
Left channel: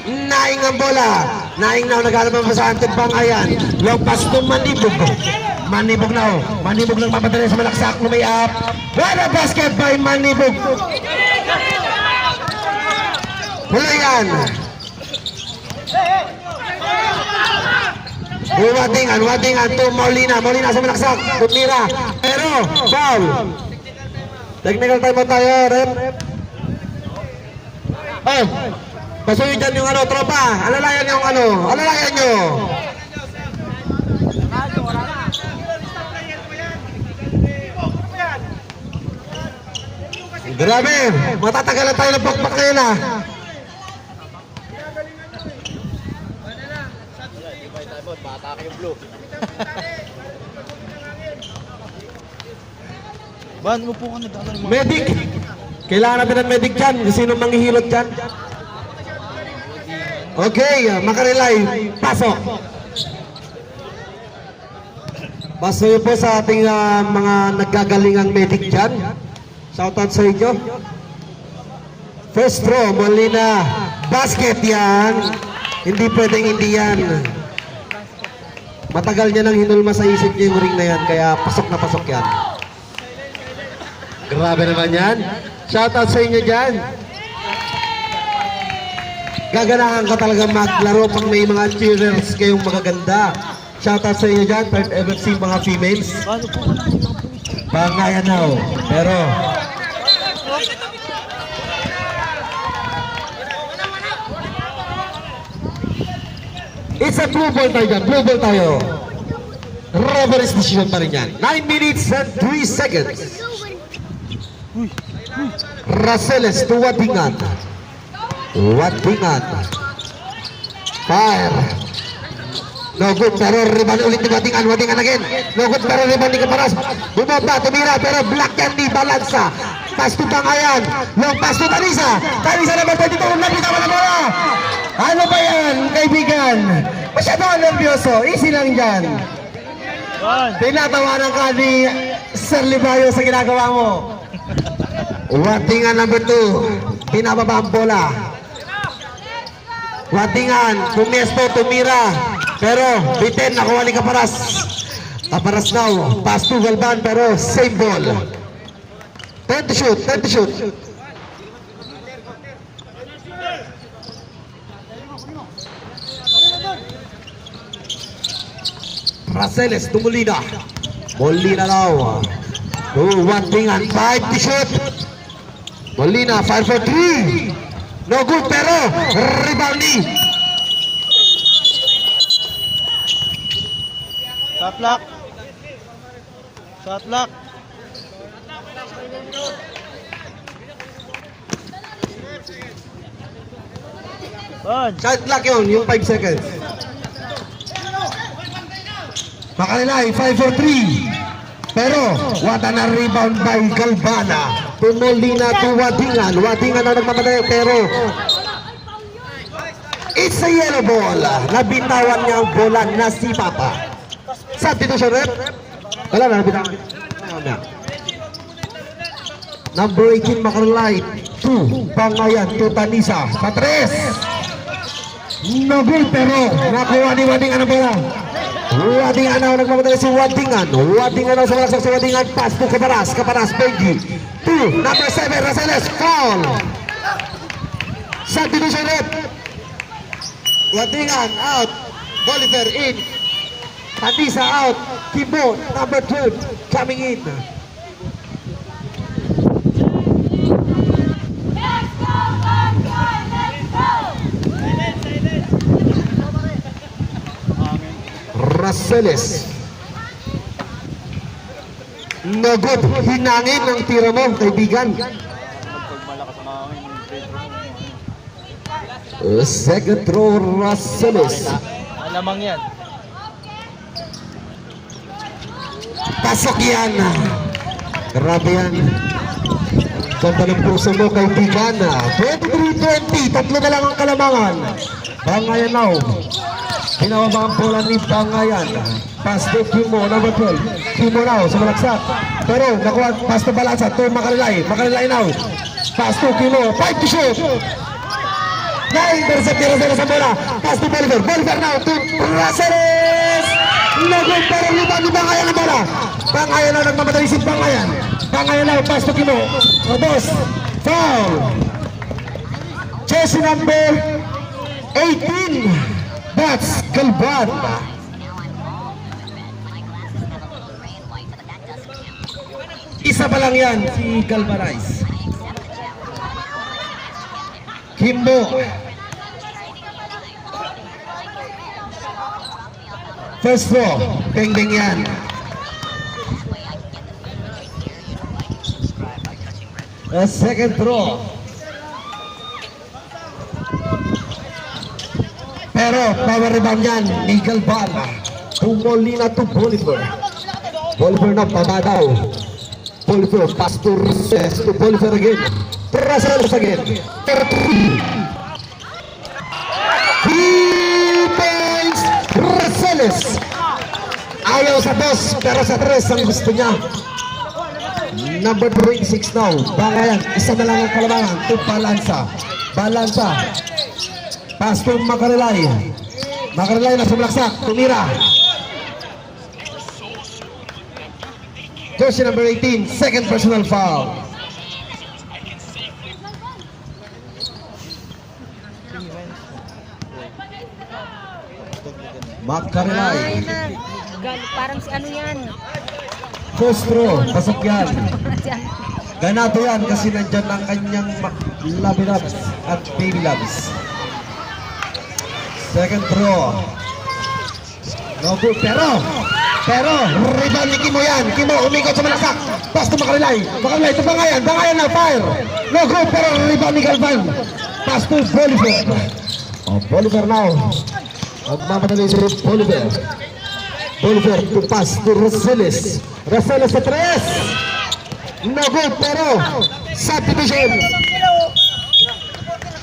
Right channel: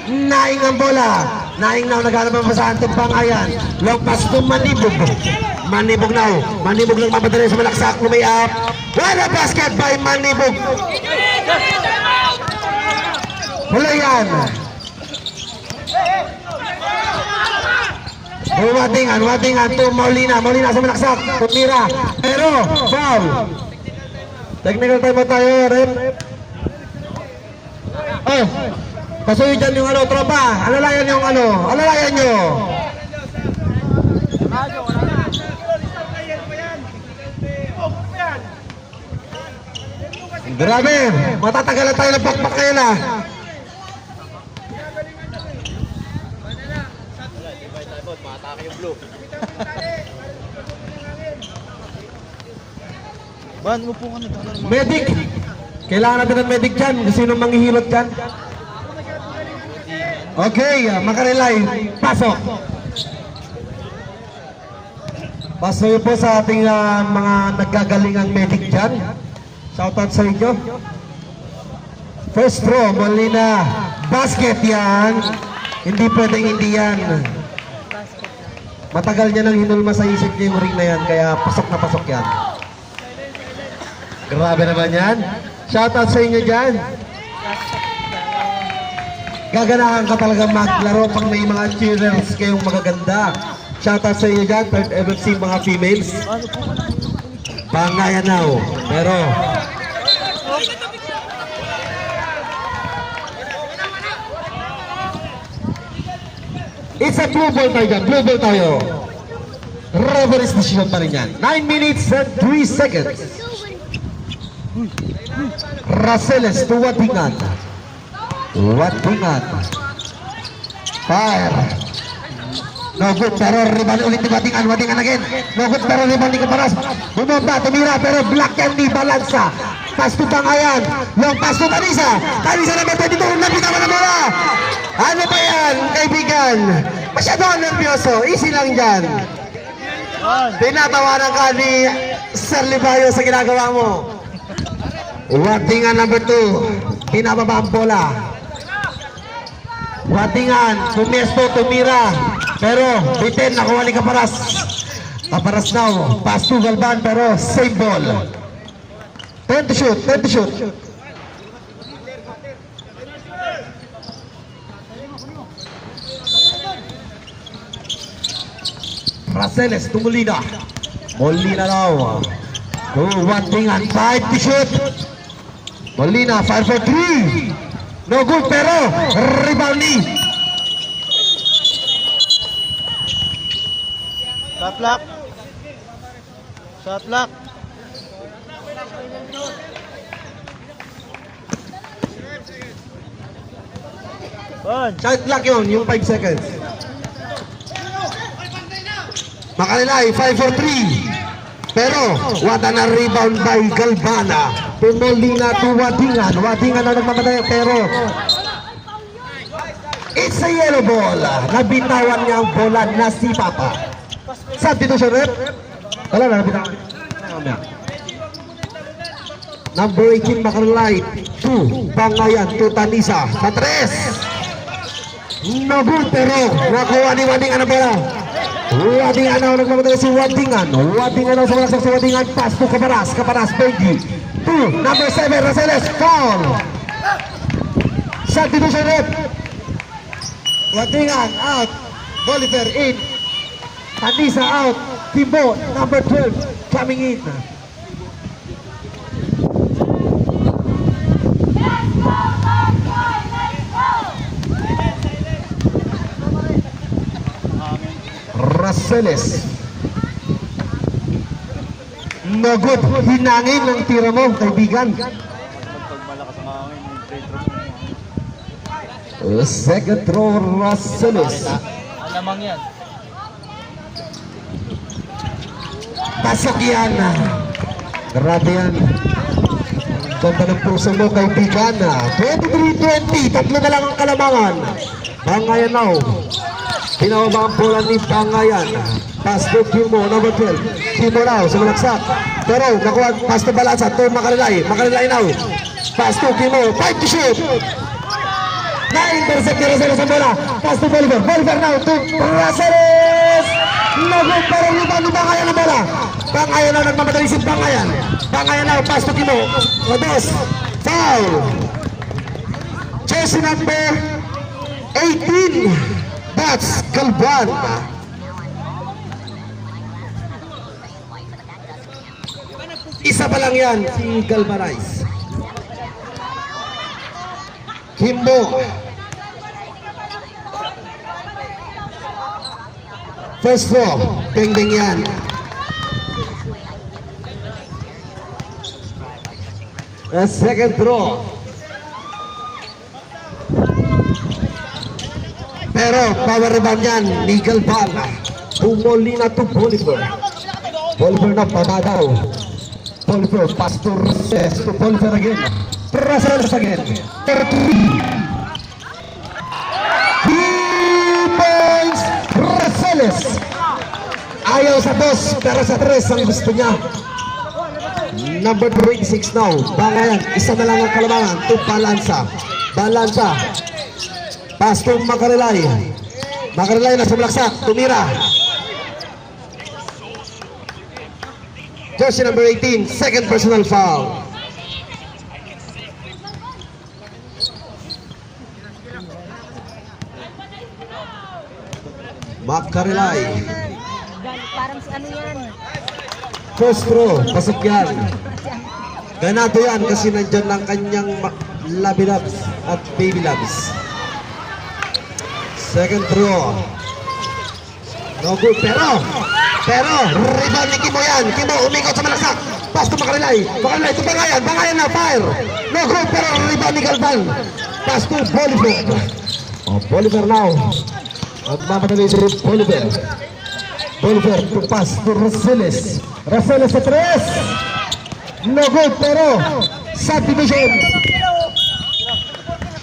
Naing ang bola. Naing now naghanap ang sa Anton Pangayan. Long pass to Manibog. Manibog now. Manibog ng mapadali sa malaksak na may up. What a basket by Manibog. Hula yan. Watingan to Molina. Molina sa malaksak. Tumira. Pero foul. Technical time tayo, rep. Oh, pasuyo dyan yung tropa. Alalayan yung alalayan nyo. Grabe, matatagalan tayo ng pakpak kayo na. Matake yung blue. Ban, upo ka na. Medic. Kailangan natin ng medic dyan. Sino manghihilot dyan? Okay, makarelay. Pasok. Pasuyo po sa ating mga nagkagalingang medic dyan. Shoutout sa inyo. First throw, Molina. Basket yan. Hindi pwedeng hindi yan. Matagal niya nang hinulma sa isip niya yung ring na yan. Kaya pasok na pasok yan. Grabe naman yan. Shoutout sa inyo dyan. Gaganahan ka talaga maglaro pag may mga cheerers kayong magaganda. Shoutout sa inyo dyan. Third MFC mga females. Pangayan now. Pero it's a blue ball tayo dyan. Blue ball tayo. Referee's decision pa rin yan. 9 minutes and 3 seconds. Raceles to Wadingan. Wadingan. Fire. No good, pero rebound ulit ni Wadingan. Wadingan again. No good, pero rebound ni Caparas. Bumaba, tumira, pero black candy, balansa. Pass to Pangayan. Long pass to Tanisa. Tanisa naman po dito. Napitan na bola. Ano ba yan, kaibigan? Masyado ang nervyoso. Easy lang dyan. Tinatawanan ka ni Sir Libayo sa ginagawa mo. Wadingan number 2. Pinababa ang bola. Watingan, Pumesto, tumira. Pero, bitin, nakuha ni Kaparas. Kaparas now, pass to Galvan, pero same ball. 10 to shoot, 10 to shoot. Raceles to Molina. Molina daw. Watingan, 5 to shoot. Molina, 5 for 3. No good, pero rebound ni. Shot lock. Shot lock. Bon. Shot clock yun, yung 5 seconds. Makalilay, 5 for 3. Pero, wata na rebound by Galvana. Tumolina to Watingan. Watingan na nagmamatay, pero it's a yellow ball. Nabitawan niya ang bola na si Papa. Substitution rep. Wala na, nabitawan. Number 18, Makalilay. 2, Bangayan, to Tanisa. Sa 3. No good, pero nakuha ni Watingan ang bola. Watingan na nagmamatay si Watingan. Watingan na sa malaksak si Watingan. Pass to Kaparas. Kaparas, Benji. 2, number 7, Raceles. Foul. Substitution rep. Watingan out. Bolivar in. Tanisa out. Kimbo, number 12, coming in. Raceles. No good. Hinangin ng tiro mo, kaibigan. Pag malakas ang hangin, yung free throw mo. Second throw, Raceles. Alamang yan. Pasok yan. Grabe yan. Ganda ng puso mo, kaibigan. 23-20. Tatlo na lang ang kalamangan. Bangayan now. Pinawaba ang bola ni Bangayan. Pass to Kimo, number 12. Kimo now, sa malaksak. Pero, nakuha, pass to Balansa. To Makalilay. Makalilay now. Pass to Kimo. 5 to shoot. Na-intercept ni Raceles ang bola. Pass to Bolivar. Bolivar now to Raceles. Naging pero liban ni Bangayan ang bola. Bangayan now, nagmamadali si Bangayan. Bangayan now, pass to Kimo. Robos. Foul. Jersey number 18. That's Galvan. Isa pa lang yan, si Galvanize. Kimbo. First floor, pengdeng yan. Second throw. Pero power rebound yan ni Galvan. Pumolina to Bolivar. Bolivar na pabadaw. Bolivar pass to Raceles. To Bolivar again. Raceles again. 3 points. Raceles. Ayaw sa boss, pero sa 3 ang gusto niya. Number 26 now. Bangayan. Isa na lang ang kalamangan. To Balansa. Balansa. Pass to Makalilay. Makalilay na sumlaksak. Tumira. Jersey number 18. Second personal foul. Makalilay. Parang si ano yan. First throw. Pasok yan. Ganado yan kasi nandyan lang kanyang Labi Labs at Baby Labs. Second throw. No good, pero rebound ni Kimo yan. Kimo umikot sa malaksak. Pass to Makalilay. Makalilay to Bangayan. Bangayan na fire. No good, pero rebound ni Galvan. Pass to Bolivar. Bolivar now. Magmamadali si Bolivar. Bolivar to pass to Raceles. Raceles sa 3. No good, pero subdivision.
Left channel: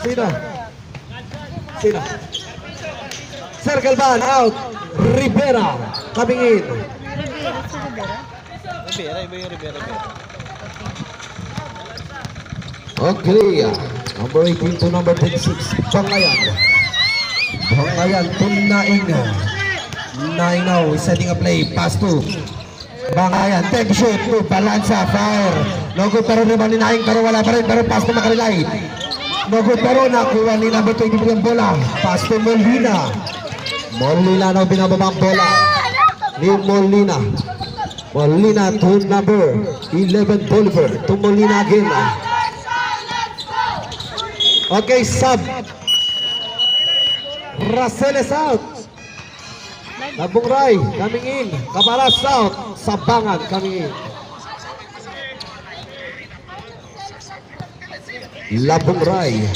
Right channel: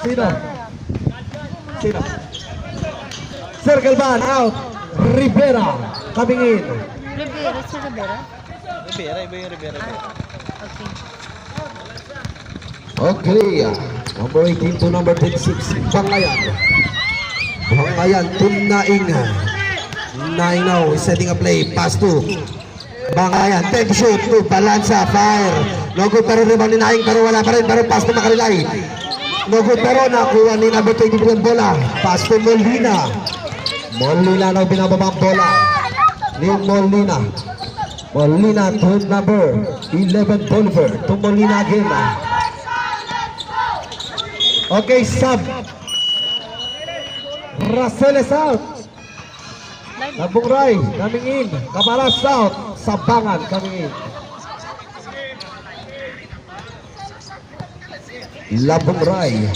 Sino? Sir Galvan out. Rivera coming in. Rivera, si Rivera? Rivera, iba yung Rivera. Okay. Number 18 to number 26. Bangayan. Bangayan to Naing. Naing now setting a play. Pass to Bangayan. Take shoot to Balansa. Fire. No good pero rebound ni Naing pero wala pa rin. Pero pass to Makarilay. No good pero nakuha ni number 23 ang bola. Pass to Molina. Molina now binababa ang bola. Ni Molina. Molina to number 11 Bolivar. To Molina again. Okay, sub. Russell is out. Nabungray coming in. Cabaras out. Sabangan coming in. Labungray.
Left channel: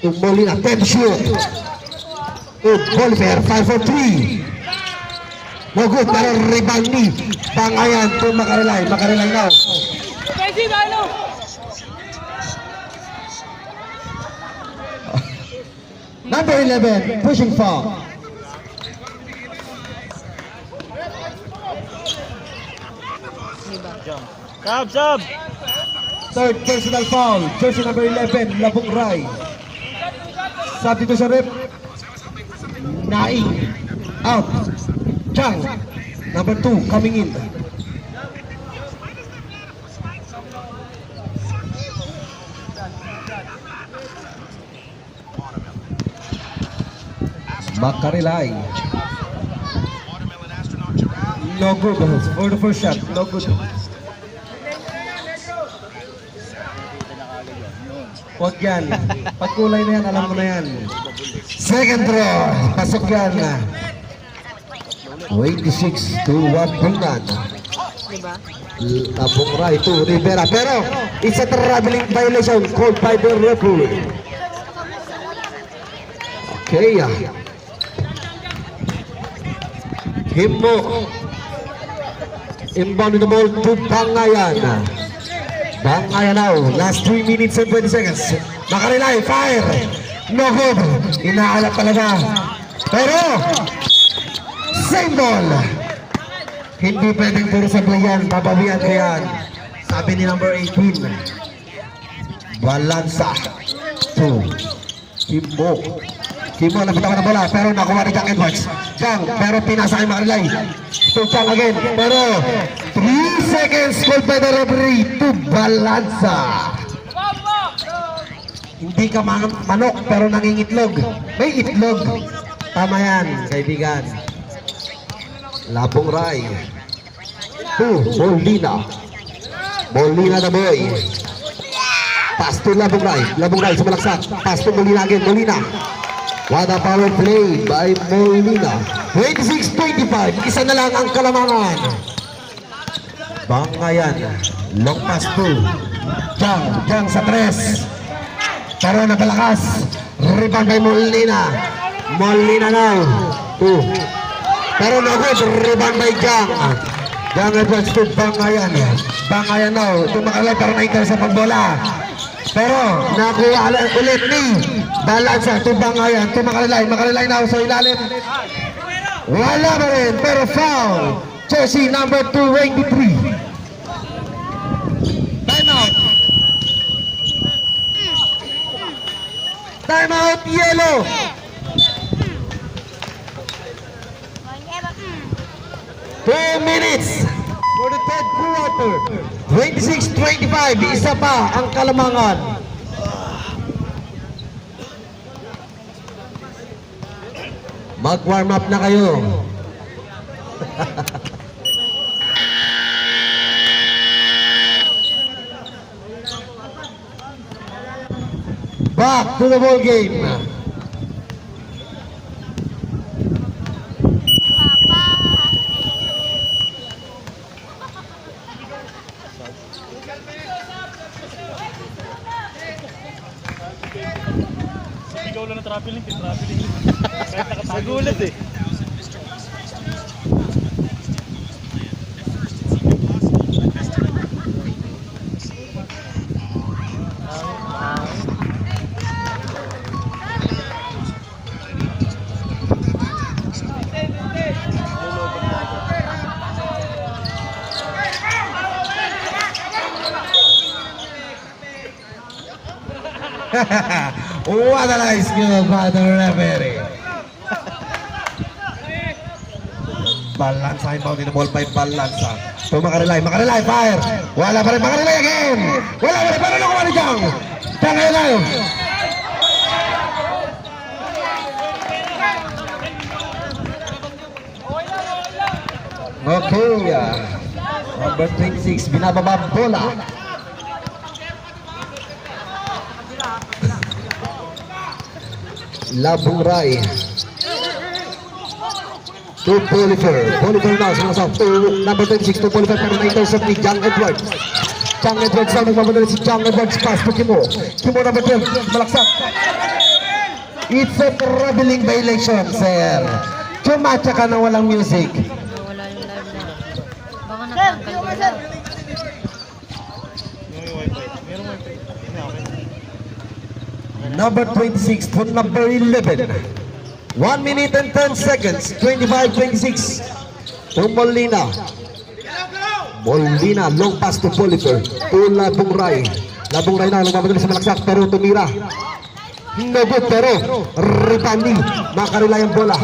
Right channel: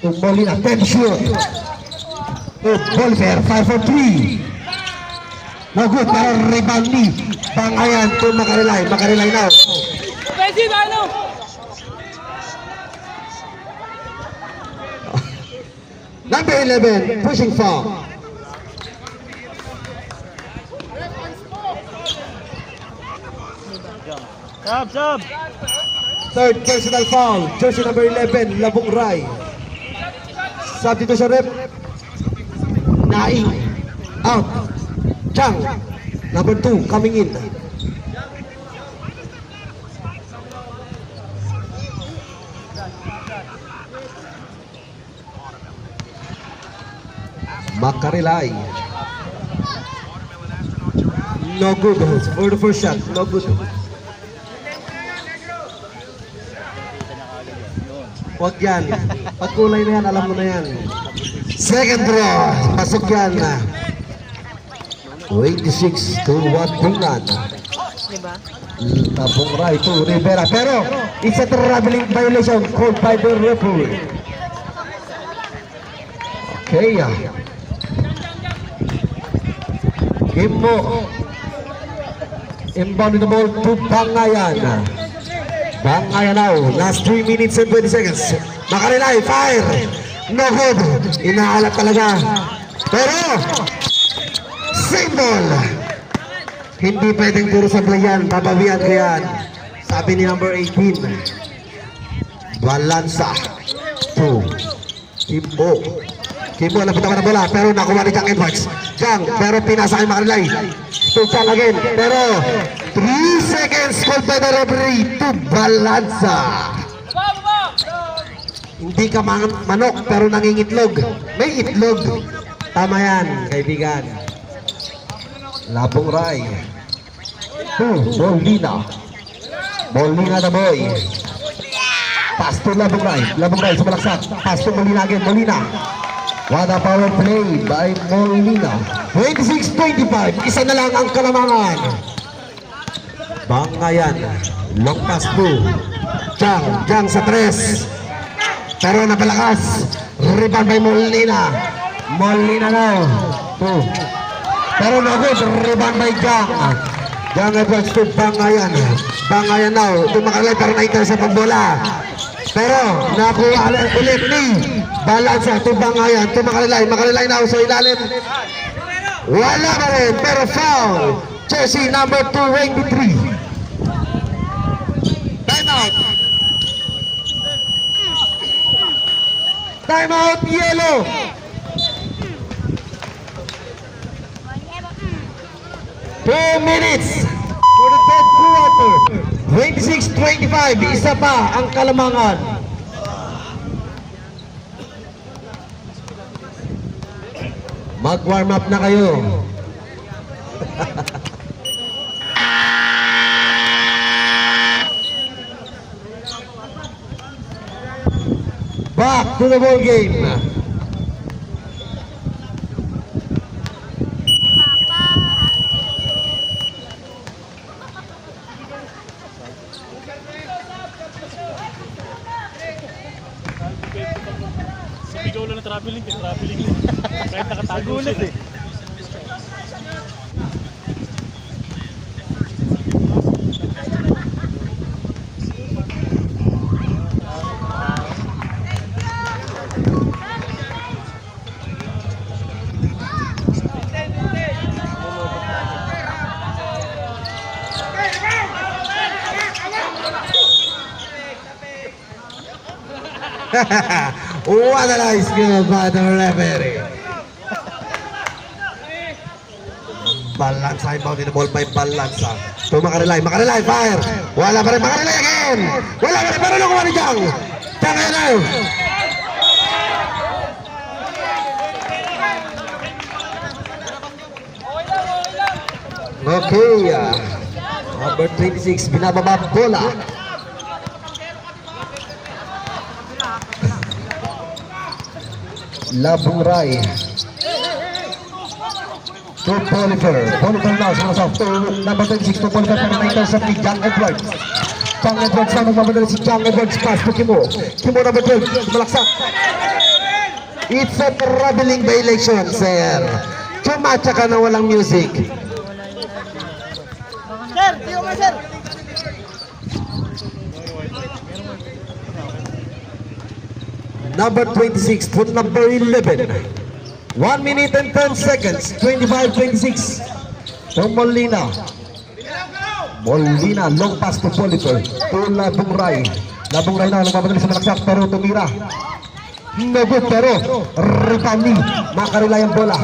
To Molina. 10 shoot. To Bolivar. 5 for 3. No good. Para rebound ni Bangayan to Makarilay. Makarilay now. Number 11, pushing foul. Sub. Third personal foul, jersey number 11, Labong Rai. Substitution rep, Naing, out. Chang, number 2, coming in. Makarilay. No good for the first shot. No good. Huwag yan. Pagkulay na yan, alam mo na yan. Second draw. Pasok yan. 26 to 1 Bungan. Diba? Abong right to Rivera. Pero it's a traveling violation called by the referee. Okay. Himo. Inbound the ball to Bangayan. Bangayan now. Last 3 minutes and 20 seconds. Makarilay. Fire. No good. Inaalat talaga. Pero same ball. Hindi pwedeng puro sa playan. Babawian ko yan. Sabi ni number 18. Balansa. 2. Kimbo. Kimbo, napataka na bola. Pero nakuha ni Jack Edwards. Jang, pero pinasa kay Makarilay. To Jang again. Pero 3 seconds called by the referee to Balansa. Hindi ka manok pero nangingitlog. May itlog. Tama yan, kaibigan. Labong Rai. To Molina. Molina the boy. Pass to Labong Rai. Labong Rai sumalaksak. Pass to Molina again. Molina. What a power play by Molina. 26-25. Isa na lang ang kalamangan. Bangayan. Long pass to Jang. Jang sa 3. Pero napalakas. Rebound by Molina. Molina now. 2. Pero nagod. Rebound by Jang. Jang Edwards to Bangayan. Bangayan now. Tumakalay para naikal sa pagbola. Pero nakuha ulit ni Balansa to Bangayan. Tumakalay. Makarilay now sa ilalim. Wala pa rin. Pero foul. Jersey number 23. Time out. Time out, yellow. Two minutes for the third quarter. 26-25. Isa pa ang kalamangan. Mag-warm up na kayo. Back to the ball game. Ikaw lang na traveling. Kaya nakatagulat eh. What a nice skill by the referee. Balansa inbound in the ball by Balansa. To Macarilay, fire. Wala pa rin Macarilay again. Wala pa rin Macarilay dyan. Macarilay. Okay. Number 26, binababa bola. Labong Rai. To Bolivar. Bolivar now, sumasok to number 26 to Bolivar para na-intercept ni John Edwards. John Edwards na magmamadali si John Edwards. Pass to Kimo. Kimo number 12, malaksak. It's a traveling violation, sir. Chumatsa ka na walang music. Number 26 to number 11. 1 minute and 10 seconds. 25-26. To Molina. Molina, long pass to Bolivar. To Labong Rai. Labong Rai na, nagmamadali sa malaksak pero tumira. Nabot pero Ritani. Macarilay ang bola.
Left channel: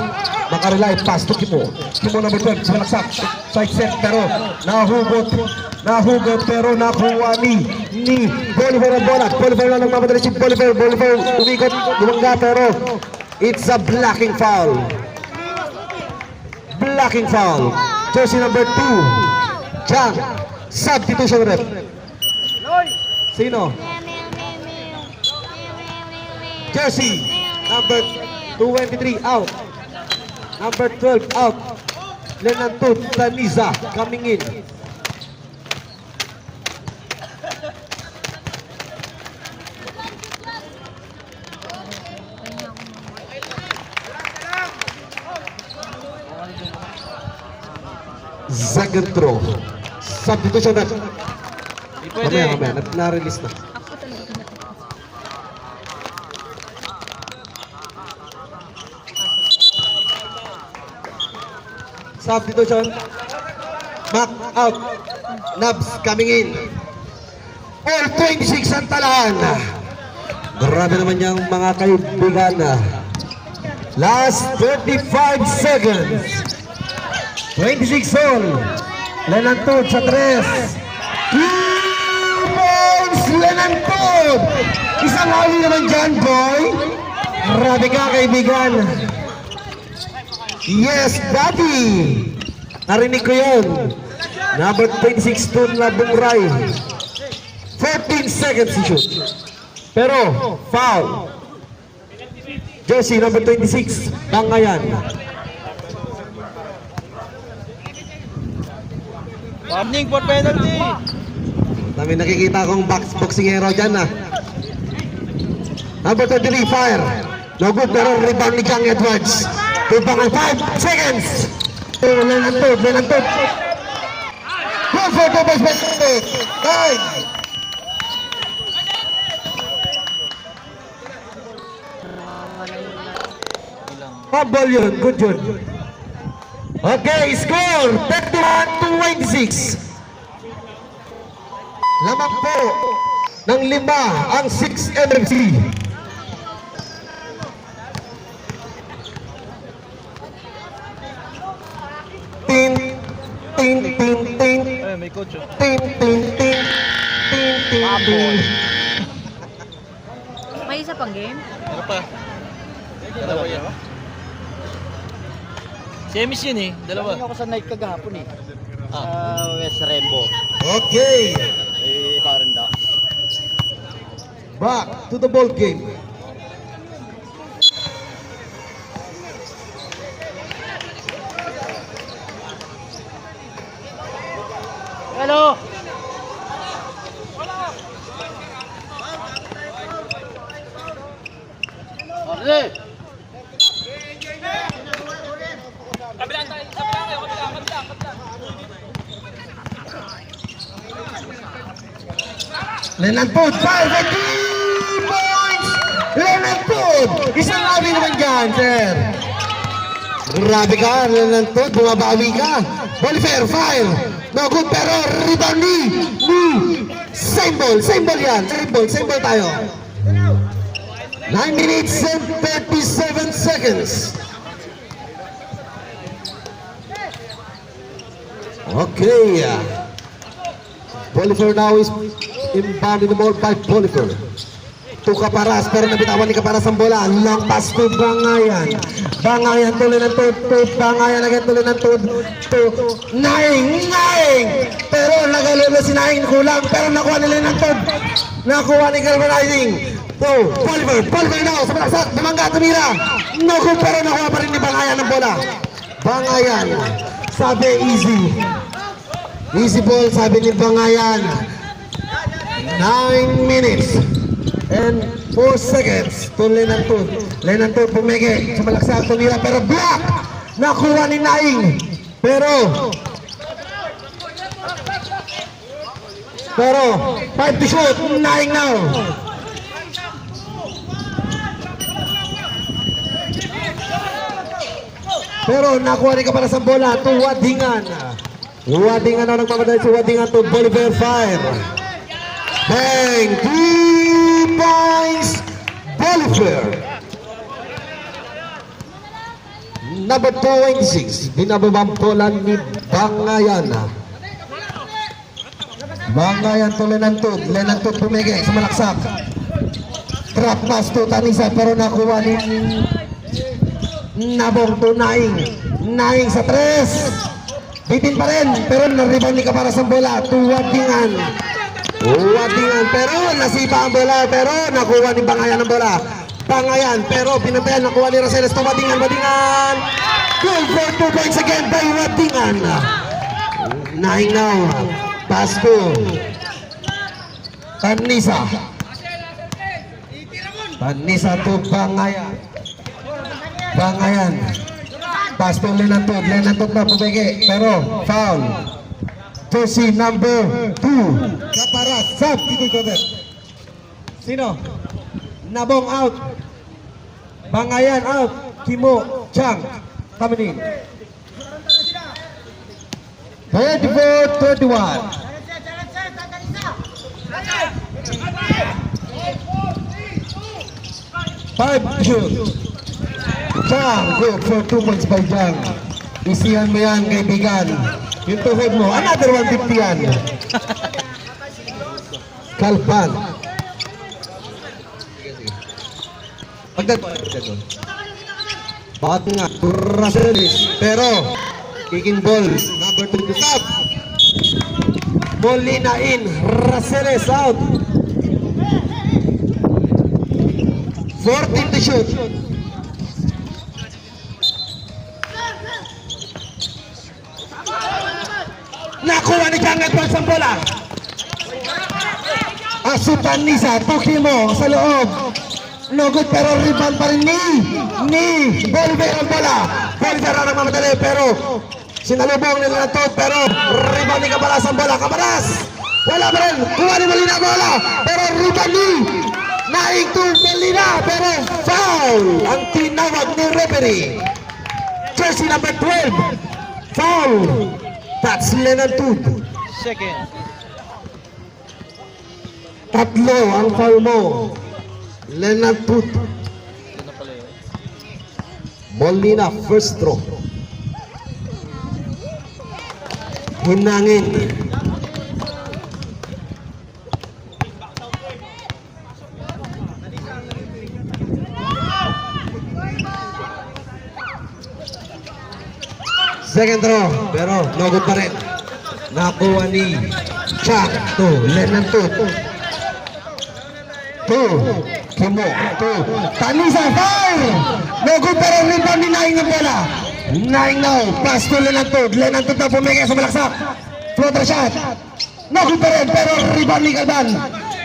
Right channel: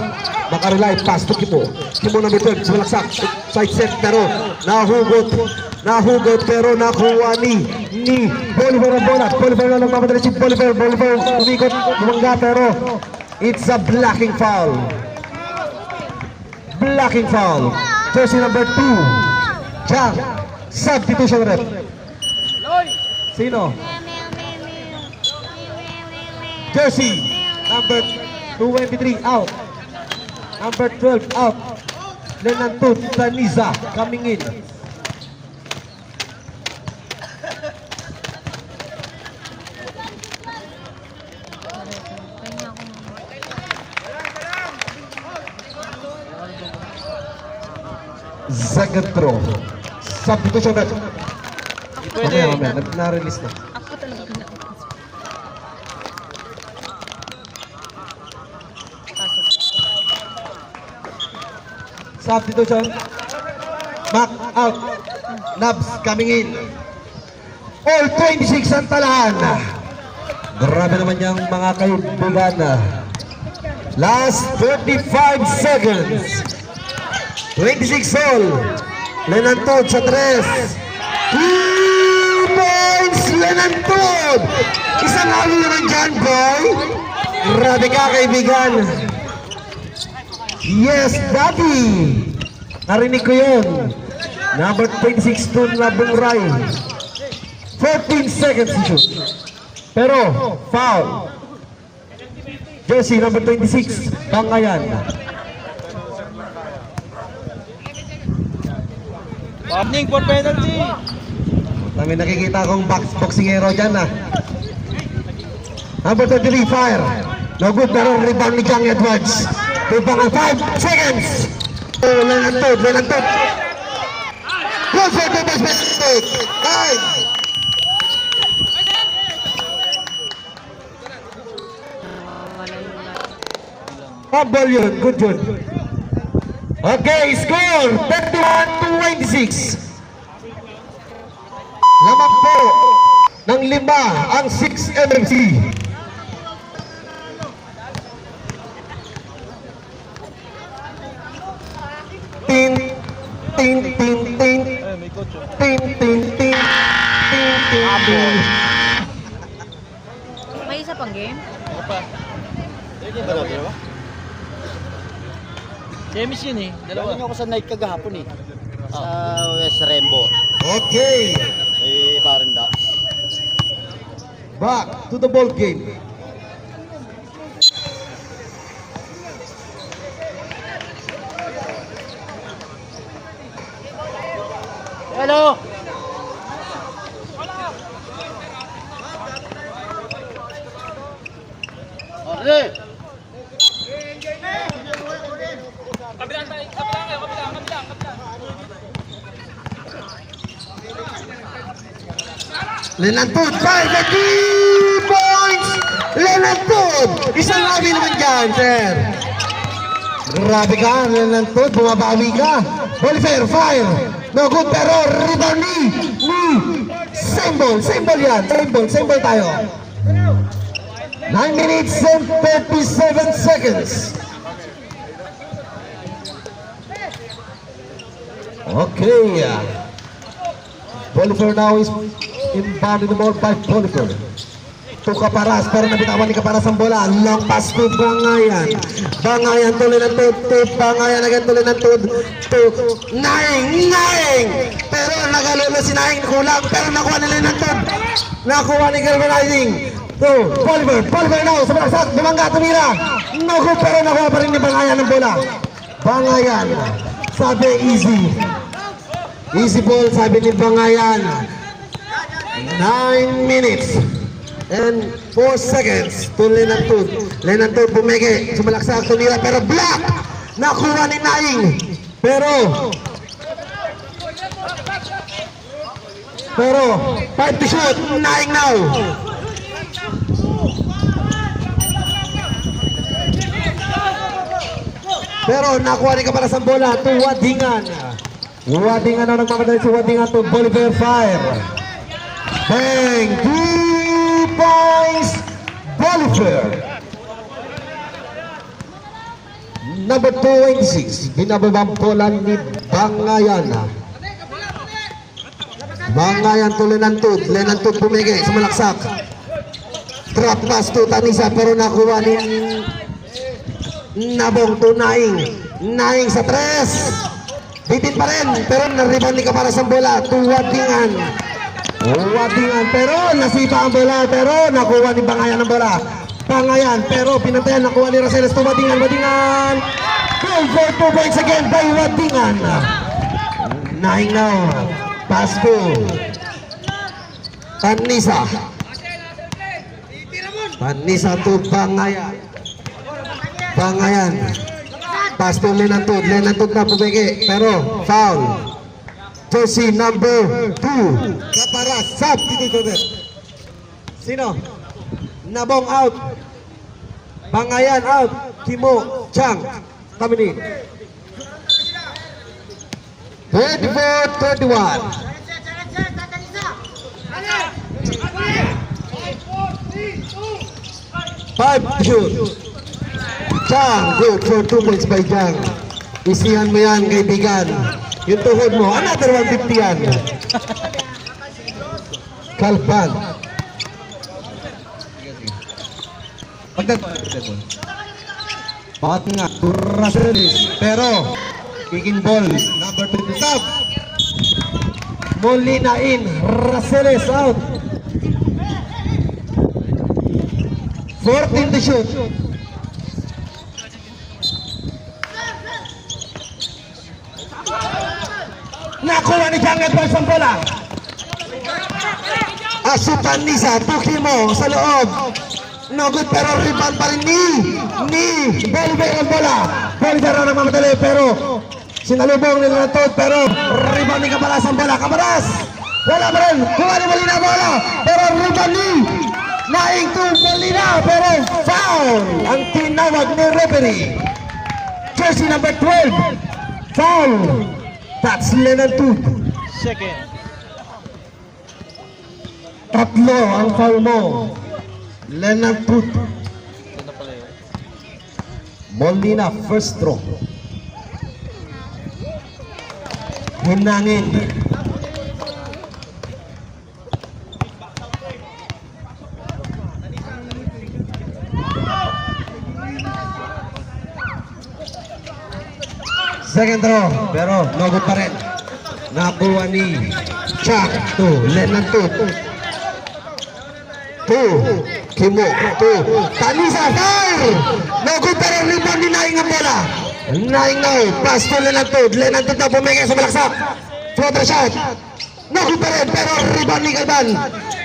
Macarilay, pass to Kimo. Kimo number 12, sa malaksak. Side set pero nahugot. Nahugot pero nakuha ni Bolivar ang bola. Bolivar na nagmamadali si Bolivar. Bolivar umikot. Binangga pero it's a blocking foul. Blocking foul. Jersey number 2. Jam. Substitution rep. Sino? Jersey number 23 out. Number 12 out. Lenanto Taniza coming in. Second throw. Substitution rep. Hindi pwede. Na-release na. Substitution. Back out. Nubs coming in. All 26 ang talahan. Grabe naman yung mga kaibigan. Last 35 seconds. 26 all. Lenantod sa 3. 2 points. Lenantod. Isang hali naman dyan, boy. Grabe ka, kaibigan. Yes, Daddy! Narinig ko yun. Number 26 to Labong Rai. 14 seconds to shoot. Pero, foul. Jersey number 26, Bangayan. Warning for penalty. Dami nakikita akong boxingero dyan na. Number 23, fire. No good, pero rebound ni John Edwards. Rebound ang 5 seconds. Oh, Lenantod. Good for the best mistake. 9. Habol yun, good yun. Okay, score 31-26. Lamang po ng 5 ang 6 MMC. Ting, ting, ting, ting. May coach. Ting, ting, ting. Ting, ting, ting. May isa pang game? Semis yun eh. Dalawa. Galing ako sa night kagahapon eh. Sa West Rembo. Okay, Parendax. back to the ball game. Hello! Arre! Lenantod, 5 points! Lenantod! Isang lagi naman dyan, sir. Grabe ka, Lenantod, bumabawi ka. Bolivar, fire. No good, pero rebound ni. Same ball yan. Same ball tayo. 9 minutes and 37 seconds. Okay. Bolivar now is inbound in the ball by Bolivar. To Caparas, pero nabitawan ni Caparas ang bola. Long pass to Bangayan. Bangayan tuloy ng tod. Bangayan agad tuloy ng tod. To Naing. Pero nagalulo si Naing. Kulang. Pero nakuha nila ng tod. Nakuha ni Galvanizing. To Bolivar. Bolivar now. Sa basak. Bumangga tumira. Naku, pero nakuha pa rin ni Bangayan ang bola. Bangayan. Sabi easy. Easy ball, sabi ni Bangayan. 9 minutes and 4 seconds to Lenantod. Lenantod pumigi, sumalaksak to niya, pero block! Nakuha ni Naing. Pero 5 to shoot, Naing now. Pero nakuha ni Caparas ang bola to Wadingan. Wadingan na nagmamadali si Wadingan to Bolivar Fire. Bang! 3 points Bolivar. Number 26, binababang bola ni Bangayan. Bangayan to Lenantod. Lenantod pumigi, sumalaksak. Trap pass to Tanisa, pero nakuha ni Nabong to Naing. Naing sa 3. Bitin pa rin, pero nariban ni Caparas ang bola to Wadingan. Wadingan, pero nasipa ang bola, pero nakuha ni Bangayan ang bola. Bangayan, pero pinatayan, nakuha ni Raceles to Wadingan. Wadingan, goal for 2 points again by Wadingan. Naing now, pass to Tanisa. Tanisa to Bangayan. Bangayan. Pass to Lenantod. Lenantod na pumigi. Pero foul. To si number 2. Caparas. Sab. Sino? Nabong out. Bangayan out. Kimo Chang coming in. 24-21. Five shoot. Jang, good for 2 points by Jang. Isihan mo yan, kaibigan. Yung tuhod mo, another 150 yan. Kalpan. Bakit nga, Raceles. Pero, kicking ball, number 2 to top. Molina in, Raceles out. 14 to shoot. Nakuha ni Jang Edwards ang bola. Asutan Nisa, tuki mo sa loob. No good, pero rebound pa rin ni Bolivar ang bola. Bolivar ang nagmamadali, pero sinalubong nila ito, pero rebound ni Caparas ang bola. Caparas, wala pa rin. Kumani Molina ang bola, pero rebound ni Naing to Molina, pero foul ang tinawag ni referee. Jersey number 12, foul. That's Lenantod. Second. Tatlo ang foul mo. Lenantod. Ito na pala yun. Molina, first throw. Hinangin. Second throw, pero no good pa rin. Nakuha ni Chak to Lenantod. To Kimo. To Tanisa, fire! No good pa rin. Rebound ni Naing ang bola. Naing now, pass to Lenantod. Lenantod na pumigay sa balaksak. Floater shot. No good pa rin, pero rebound ni Galvan.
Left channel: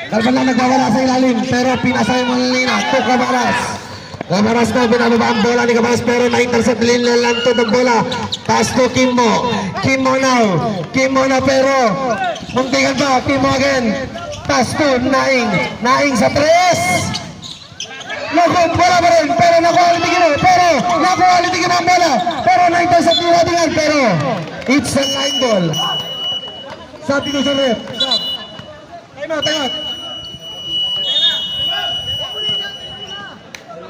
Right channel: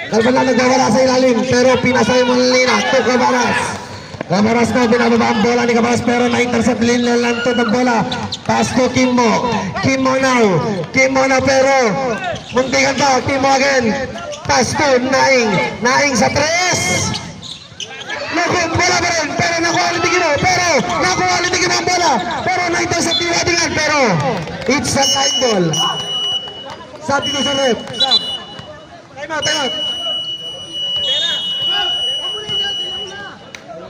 Galvan na nagwawala sa ilalim, pero pinasay mo nila to Caparas. Caparas na binababa ang bola ni Caparas, pero na-intercept Lenantod ang bola. Pass to Kimo. Kimo now, pero muntikan pa. Kimo again. Pass to Naing. Naing sa 3. Naku, bola pa rin. Pero nakuha Kimo. Pero nakuha Kimo ang bola. Pero na-intercept ni Wadingan. Pero it's a line ball. Sabi ko sa ref. Time out.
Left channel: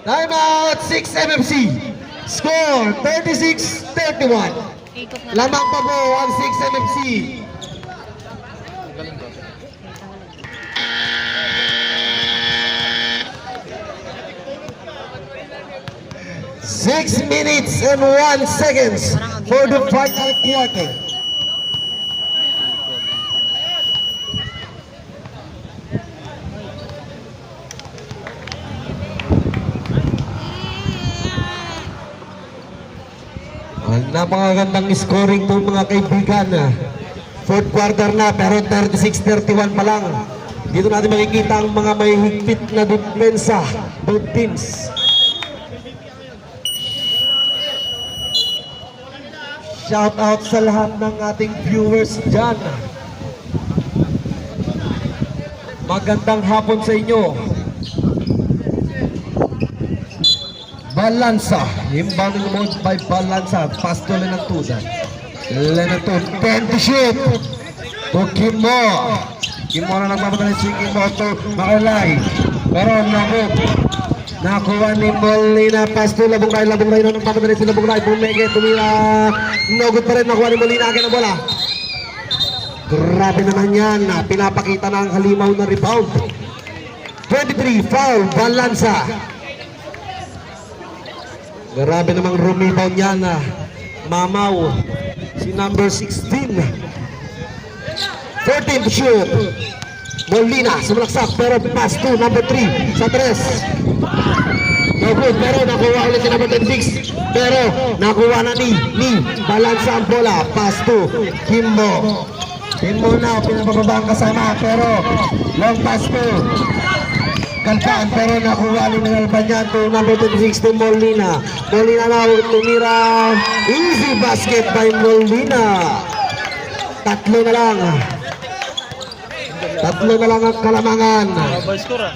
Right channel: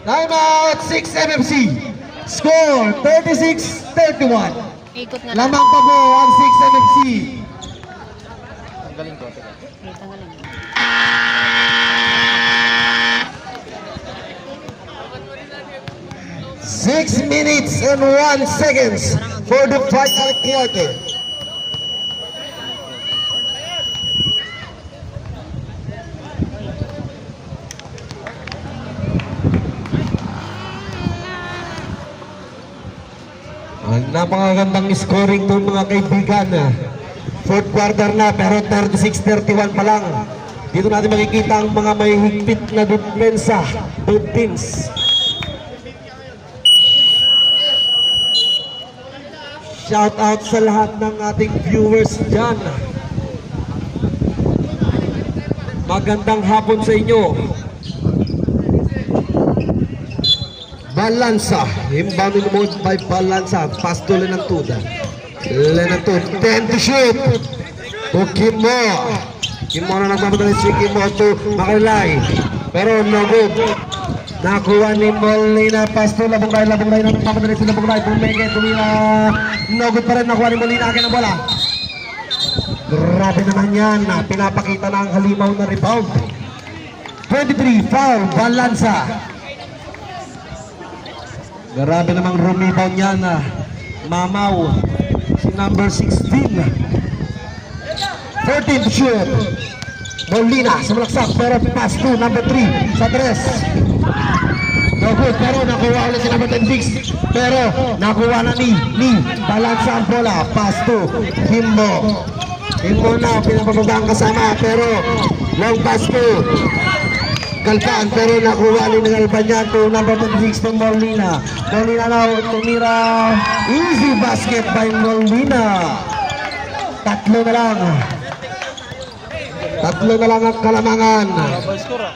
Timeout 6 MFC. Score 36-31. Ikot na. Lamang pa po ang 6 MFC. Galing ko. 6 minutes and 1 seconds for the final quarter. Ang napakagandang scoring po mga kaibigan. Fourth quarter na pero 36-31 pa lang. Dito natin makikita ang mga may higpit na depensa. Both teams. Shout out sa lahat ng ating viewers dyan. Magandang hapon sa inyo. Balansa. Inbound mode by Balansa. Pass to Lenatuda. Lenatuda. 10 to shoot. For Kimo. Kimo na nagmamadali si Kimo to Makalay. Pero no good. Nakuha ni Molina. Pass to Labong Ray. Labong Ray na nagmamadali si Labong Ray. Tumenge. Tumira. No good pa rin. Nakuha ni Molina. Akin ang bola. Grabe naman yan. Pinapakita na ang halimaw na rebound. 23. Foul. Balansa. Grabe namang rebound yan. Mamaw. Si number 16. 14 to shoot. Molina sa malaksak pero pass to number 3 sa 3. No good pero nakuha ulit si number 6. Pero nakuha na ni Balansa ang bola. Pass to Kimmo. Kimmo na pinapababa ang kasama pero long pass to Kalkan pero nakuha ni Albanyan to number 26 to Molina. Molina na tumira. Easy basket by Molina. Tatlo na lang ang Kalamangan. Double score ah.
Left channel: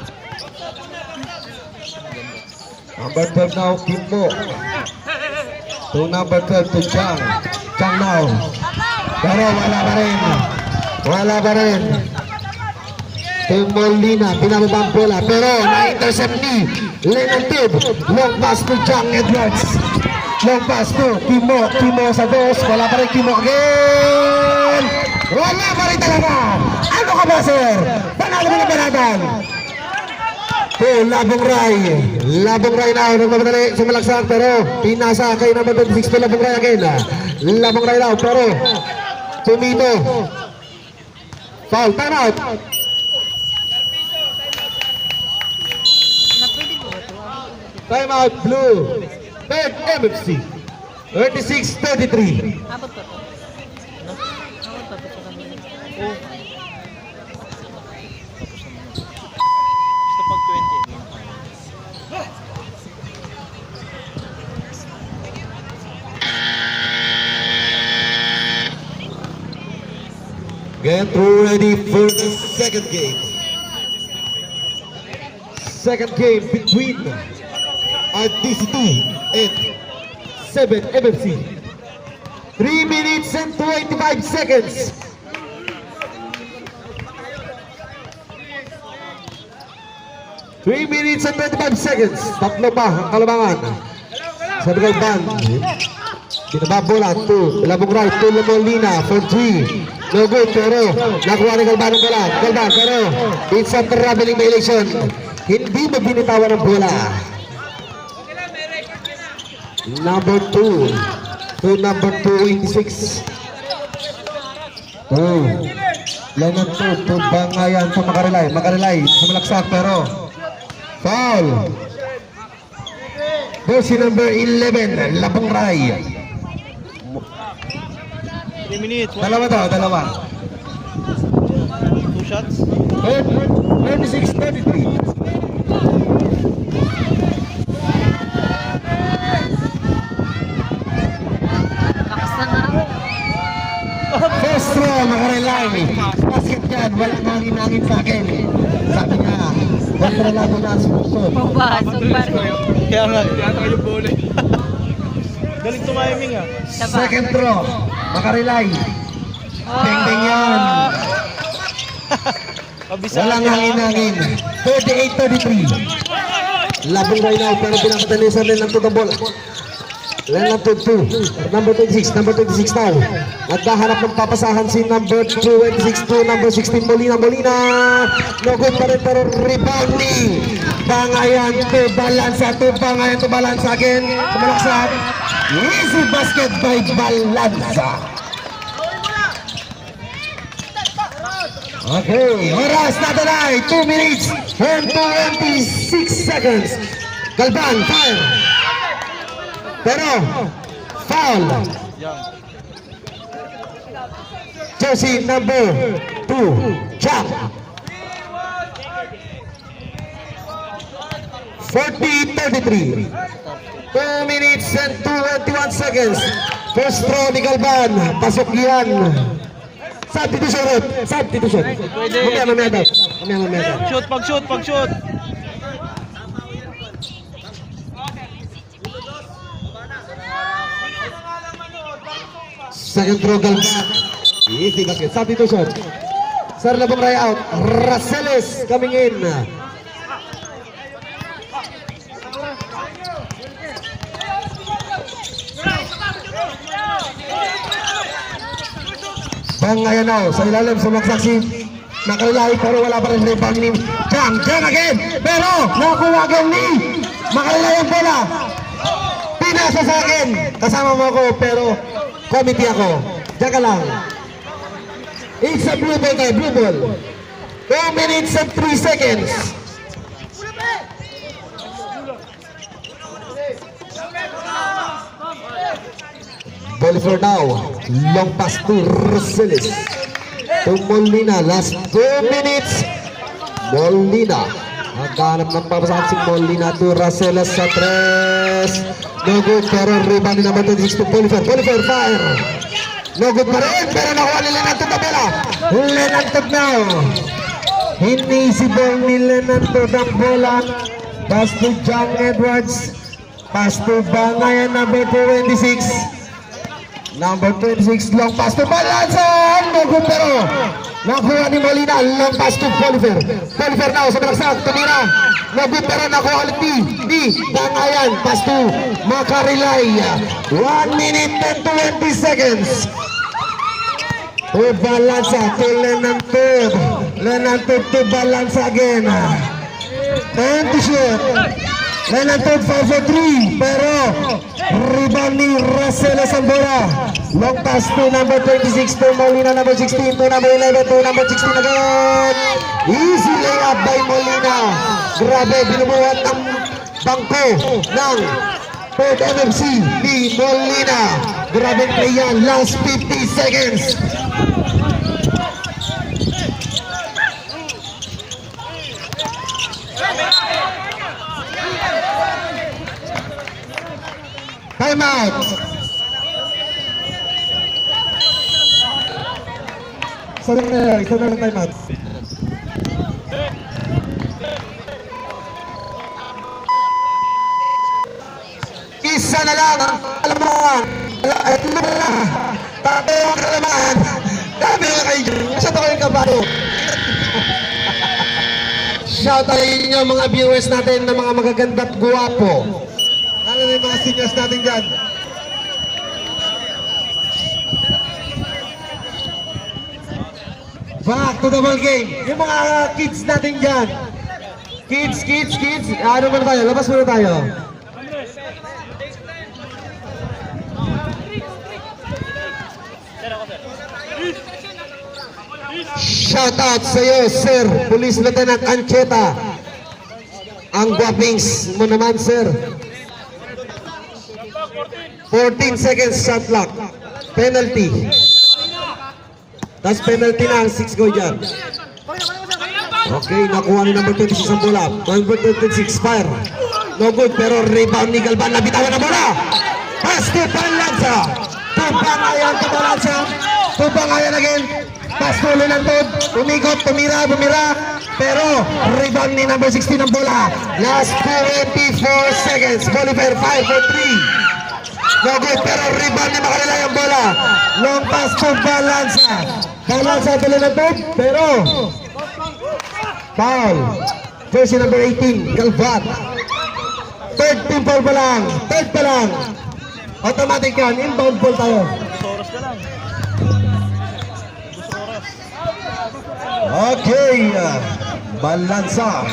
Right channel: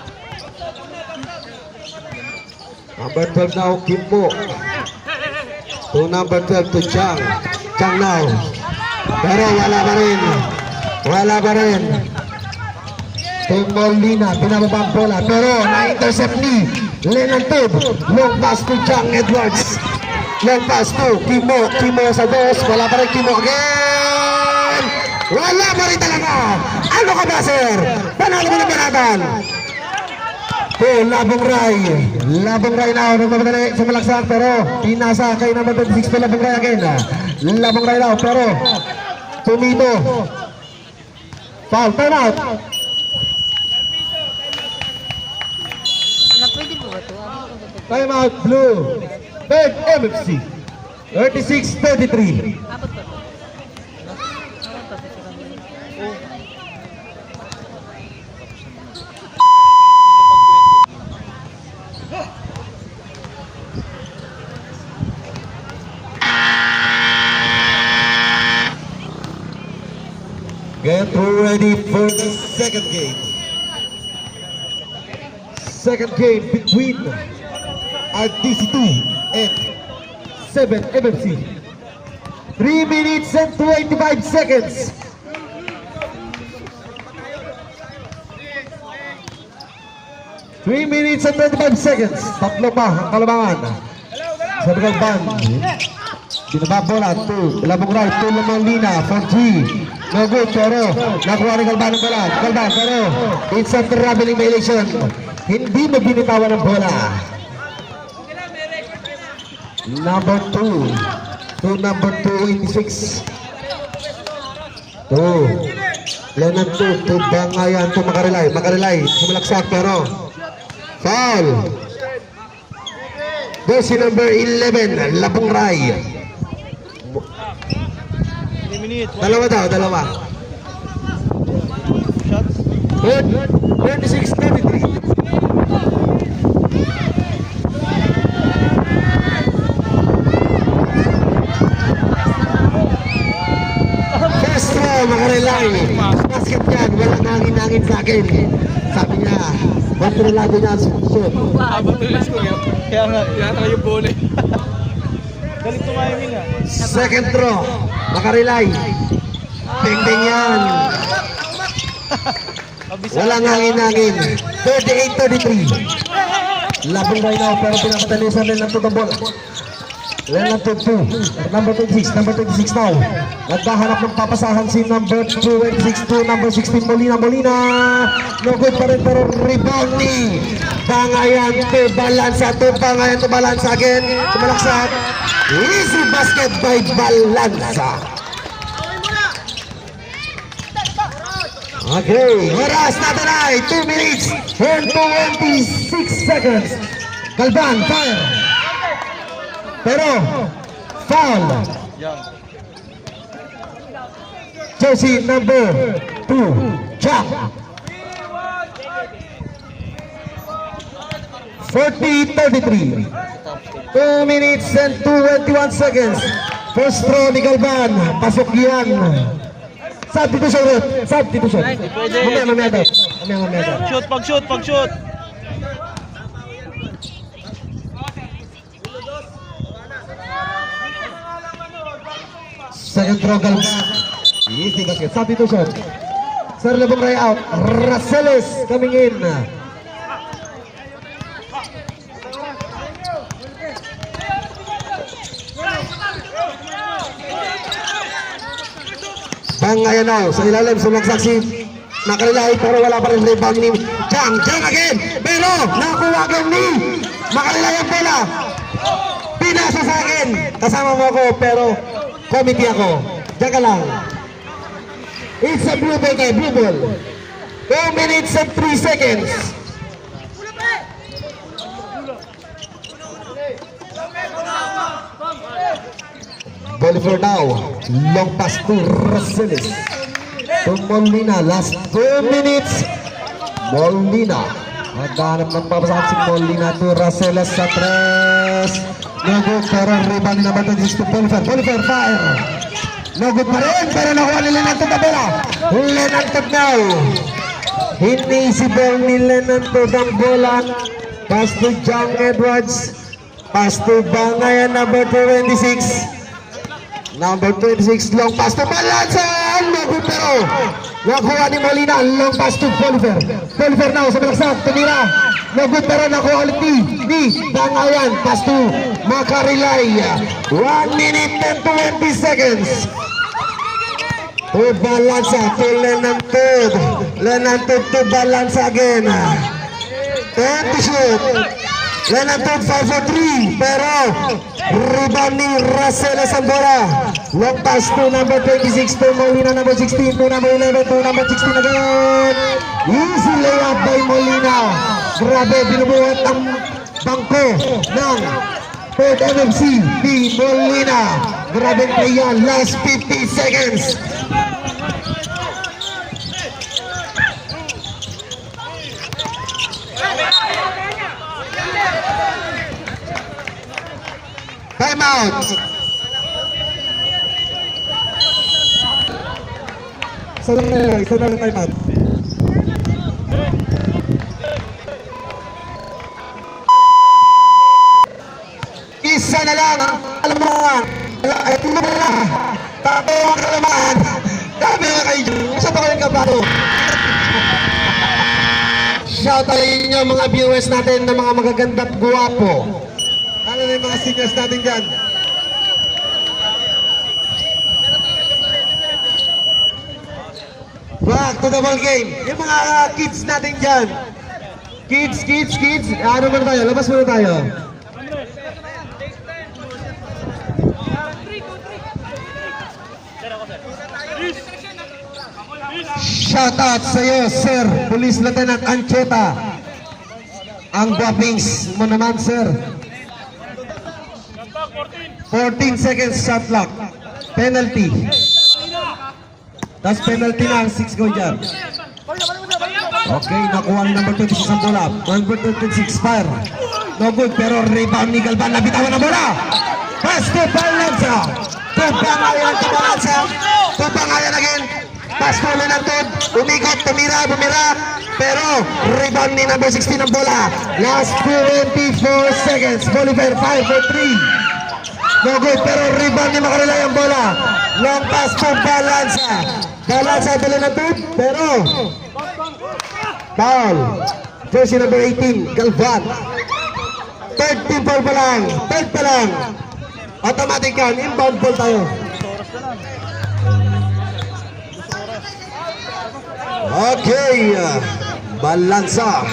Number 12 now Kimmo. To number 12 to Chang. Chang now. Pero wala pa rin. To Molina, pinalita ang bola, pero na-intercept ni Lenantod. Long pass to Chang Edwards. Long pass to Kimo sa dos. Wala pa rin Kimo again. Wala pa rin talaga. Ano ka ba, sir? Panalo na manatan. To Labong Ray na nagmamadali sa malaksak pero pinasa kay number 26 to Labong Ray again. Labong Ray na pero tumito. Foul, time out. Time out blue. Third MFC. 36-33. Abot pa to. Abot pa to sa kanila. Oh. Kapag 20. Get ready for the second game. Second game between RTC2 and 7 MFC. 3 minutes and 25 seconds. Three minutes and 25 seconds. Tatlo pa ang Kalamangan. Sa Bigay Band. Binaba bola to Labong Ray to Molina for 3. No good pero nakuha ni Galban ang bola. Galban pero it's a traveling violation. Hindi mo binitawan ang bola. Number 2 to number 286. Lenan to Bangayan to Makarilay sa malaksak pero foul. Bossy number 11 Labong Ray. 3 minutes. Dalawa. 2 shots. 36-33. First throw, Makarilay. Basket yan, walang hangin-hangin sa akin. Sabi niya, huwag ko na lagi na ang shoot. Kaya nga, yata yung bola. Galing tumiming ah. Second throw, Makarilay. Teng-teng yan. Walang hangin-hangin. 38-33. Labing right now, pero pinakatanisan rin ng tutong bola. Line number 2, number 26 now. Naghahanap ng papasahan si number 26 to number 16, Molina. No good pa rin, pero rebounding. Bangayan to balansa again. Sumalaksak. Easy basket by Balansa. Okay, oras natin ay 2 minutes and 26 seconds. Galban, fire. Pero, foul. Jersey number 2, Jack. 40-33. 2 minutes and 21 seconds. First throw ni Galban. Pasok yan. Substitution. Pwede. Mamaya. Pag shoot. Second throw Galban. Easy basket. Substitution. Sir Labong Ray out. Raceles coming in. Bangayan now. Sa ilalim sumaksak si Makalilahi, pero wala pa rin rebound ni John again. Pero nakuha again ni Makalilahi ang bola. Pinasa sa akin. Kasama mo ako pero committee ako. Diyan ka lang. It's a blue ball tayo, blue ball. 2 minutes and 3 seconds. Ball for now. Long pass to Raceles. To Molina. Last 2 minutes. Molina. Naghanap ng papasahan si Molina to Raceles sa 3. No good, pero rebound na naman to Polifer, fire. No good pa rin, pero nakuha ni Lenantod na bola. Lenantod now. Hinisibol ni Lenantod ang bola. Pass to John Edwards. Pass to Bangayan number 26. Number 26, long pass to Balansa. No good, pero nakuha ni Molina. Long pass to Polifer now sa malaksak. Tumira. No good, pero nakuha ulit ni Bangayan. Pass to Makarilay. 1 minute and 20 seconds. To Balansa, to Lenantod to Balansa again. And to shoot. Lenantod 5 for 3, pero rebound ni Raceles ang bola. Long pass to number 26 to Molina, number 16 to number 11 to number 16 again. Easy layup by Molina. Grabe, binubuhat ang bangko ng 3rd MMC ni Molina. Grabe po yan, last 50 seconds. Time out. Isa na lang time out. Isa na lang. Alam mo nga. Ito na lang. Tabi ang kalamaan. Tabi nga kayo. Isa pa kayong kabalo. Shout out inyo mga viewers natin na mga magaganda at guwapo. Ano na yung mga seniors natin dyan? Back to the ball game. Yung mga kids natin dyan. Kids. Ano muna tayo? Labas muna tayo. Shout out sa iyo, Sir Police Lieutenant Ancheta. Ang droppings mo naman, Sir. 14 seconds shot clock. Penalty. Tapos penalty na ang 6 goal dyan. Okay, nakuha ni number 26 ang bola. Number 26, fire. No good, pero rebound ni Galban. Nabitawan na bola. Pass to Balansa. Tubangayan ka Balansa. Tubangayan again. Pass to Lenantod. Umigot, tumira. Pero rebound ni number 16 ang bola. Last 24 seconds. Bolivar 5 for 3. No good, pero rebound ni Makarilay ang bola. Long pass to Balansa. Balansa to Lenantod, pero foul. Jersey number 18, Galvan. Third team foul pa lang. Third pa lang. Automatic yan. Inbound ball tayo. Okay. Balansa.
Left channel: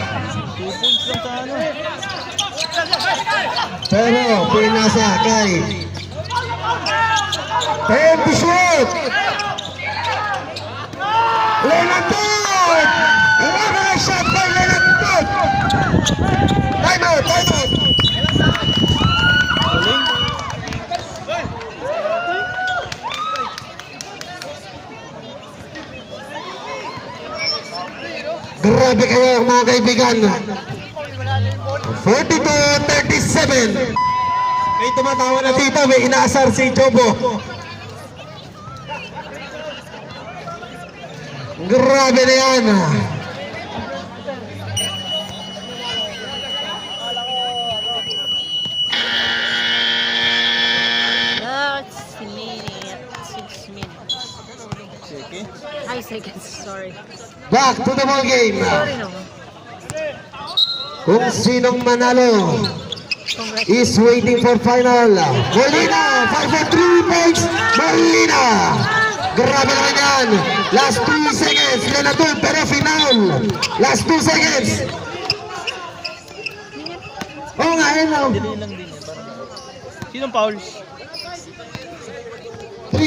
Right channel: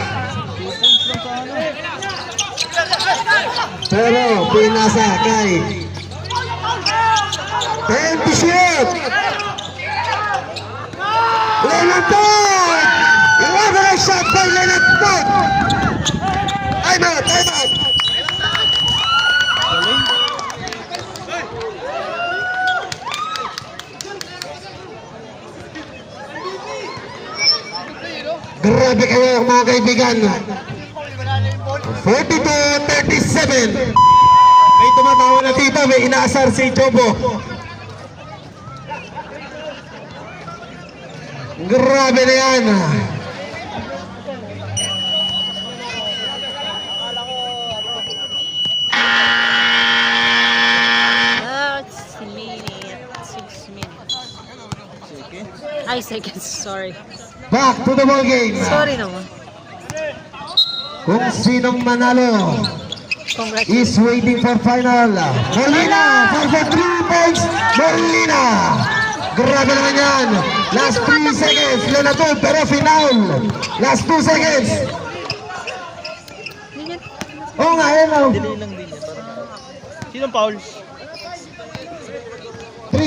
Pero pinasa kay time to shoot. Leonard Todd. Iwanan ang shot by Leonard Todd. Time out. Grabe kayo mga kaibigan. 42-37. May tumatawa na tita, may inaasar si Jobo. Grabe na yan. That's minute. 6 minutes. Ay, seconds. Sorry. Back to the ball game. Sorry naman. Kung sinong manalo Congrats. is waiting for final. Molina, 5 3 points. Molina. Grabe naman yan. Last 3 seconds. Leonardo, pero final. Last 2 seconds. Oo nga, yan o. Dili lang din yan. Parang sinong foul? 3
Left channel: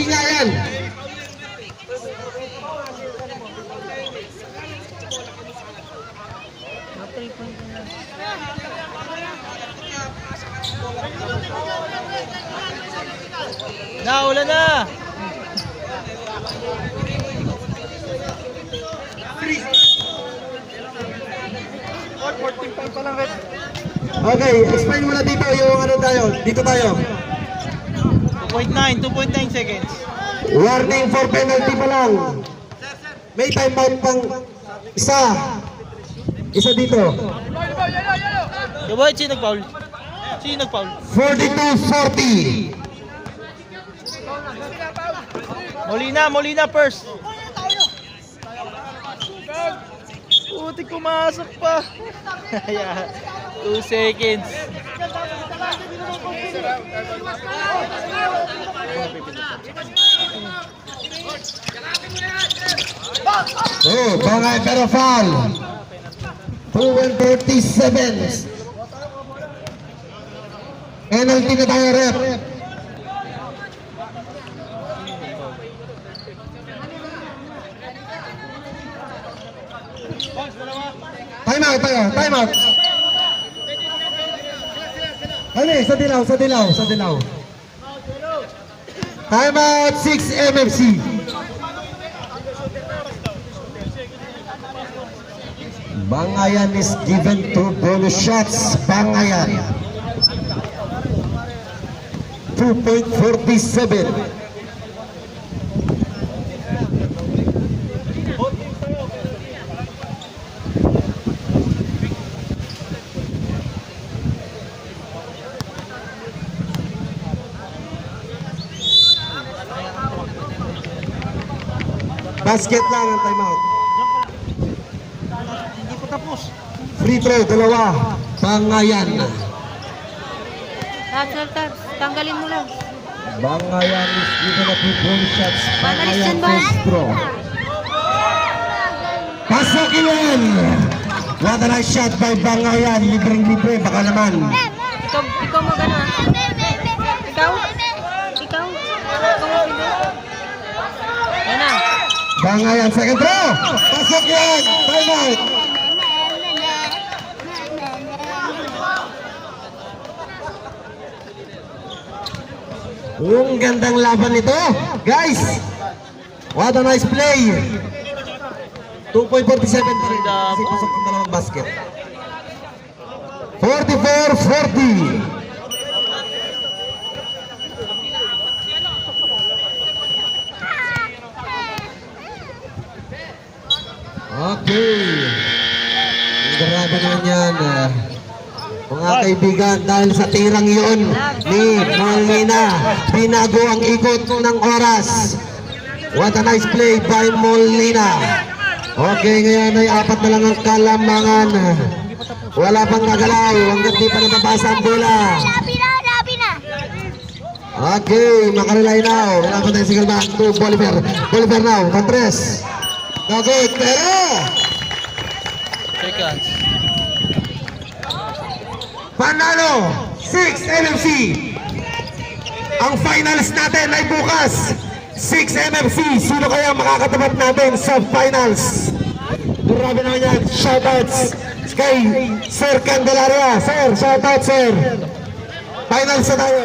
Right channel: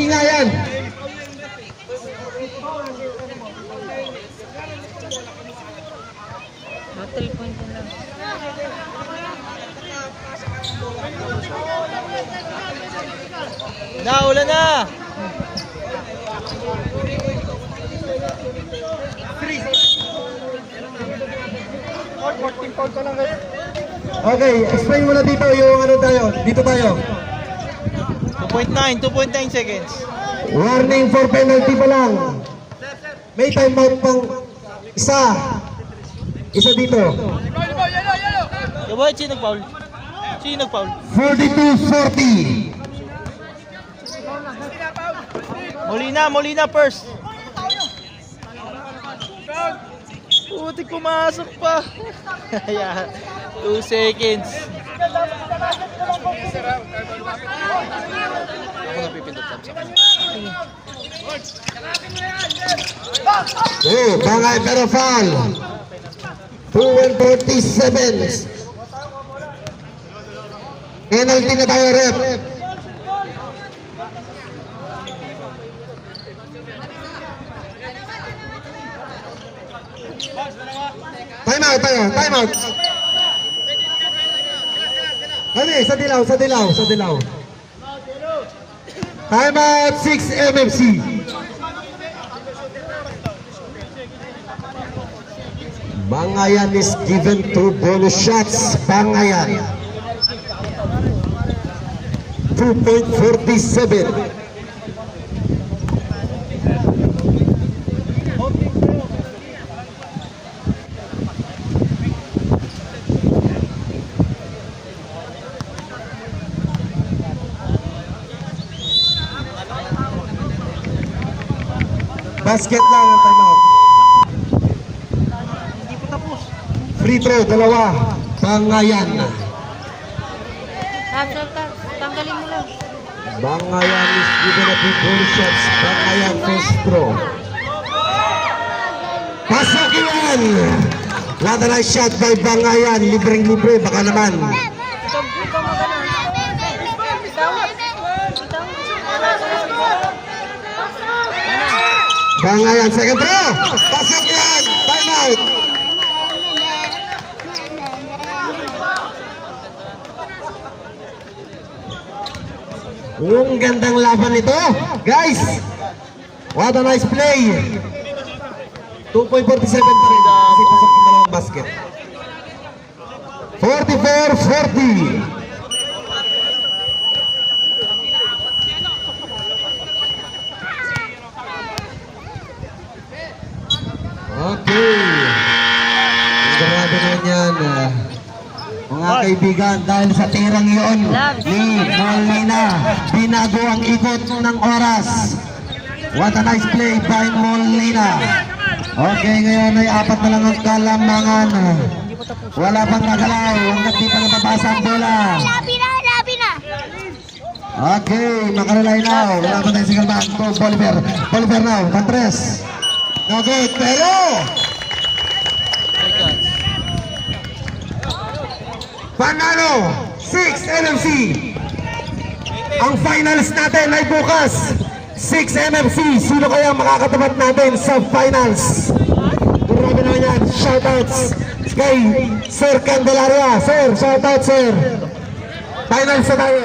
nga yan. No, 3 points lang. Wala na! Okay, explain mo na dito yung ano tayo. Dito tayo. 2.9 seconds. Warning for penalty pa lang. May timeout pang isa. Isa dito. Diba, sino nag-foul? Sino nag-foul? 42-40. Molina first. Puti, pumasok pa. 2 seconds. Oh, bangay pero foul. 2:47. Penalty na tayo, ref. Time out tayo, time out. Ano eh, sa dilaw. Time out, 6 MFC. Bangayan is given 2 bonus shots. Bangayan. 2.47. Basket na ng timeout. Free throw, dalawa. Bangayan. Tanggalin mo lang. Bangayan is given a 2 bonus shots. Bangayan first throw. Pasok yan! What a nice shot by Bangayan. Libreng-libre, baka naman. Ikaw magano. Ikaw? Mana? Bangayan, second throw. Pasok yan! Timeout. Yung gandang laban nito, guys. What a nice play. 2.47 pa rin kasi pasok yung dalawang basket. 44-40. Okay. Grabe naman yan. Mga kaibigan, dahil sa tirang yun ni Molina, binago ang ikot ng oras. What a nice play by Molina. Okay, ngayon ay 4 na lang ang kalamangan. patapos. Wala pang gagalaw. Hanggat di pa natapasa ang bola. Labi na, labi na. Okay, makarelay now. Wala pa tayong single back to Bolivar. Bolivar now, pag-press. Okay, pero panalo 6 NFC. Ang finals natin ay bukas 6 NFC. Sino kaya makakatapat natin sa finals? Grabe naman yan. Shoutouts kay Sir Candelaria. Sir, shoutout sir. Finals na tayo.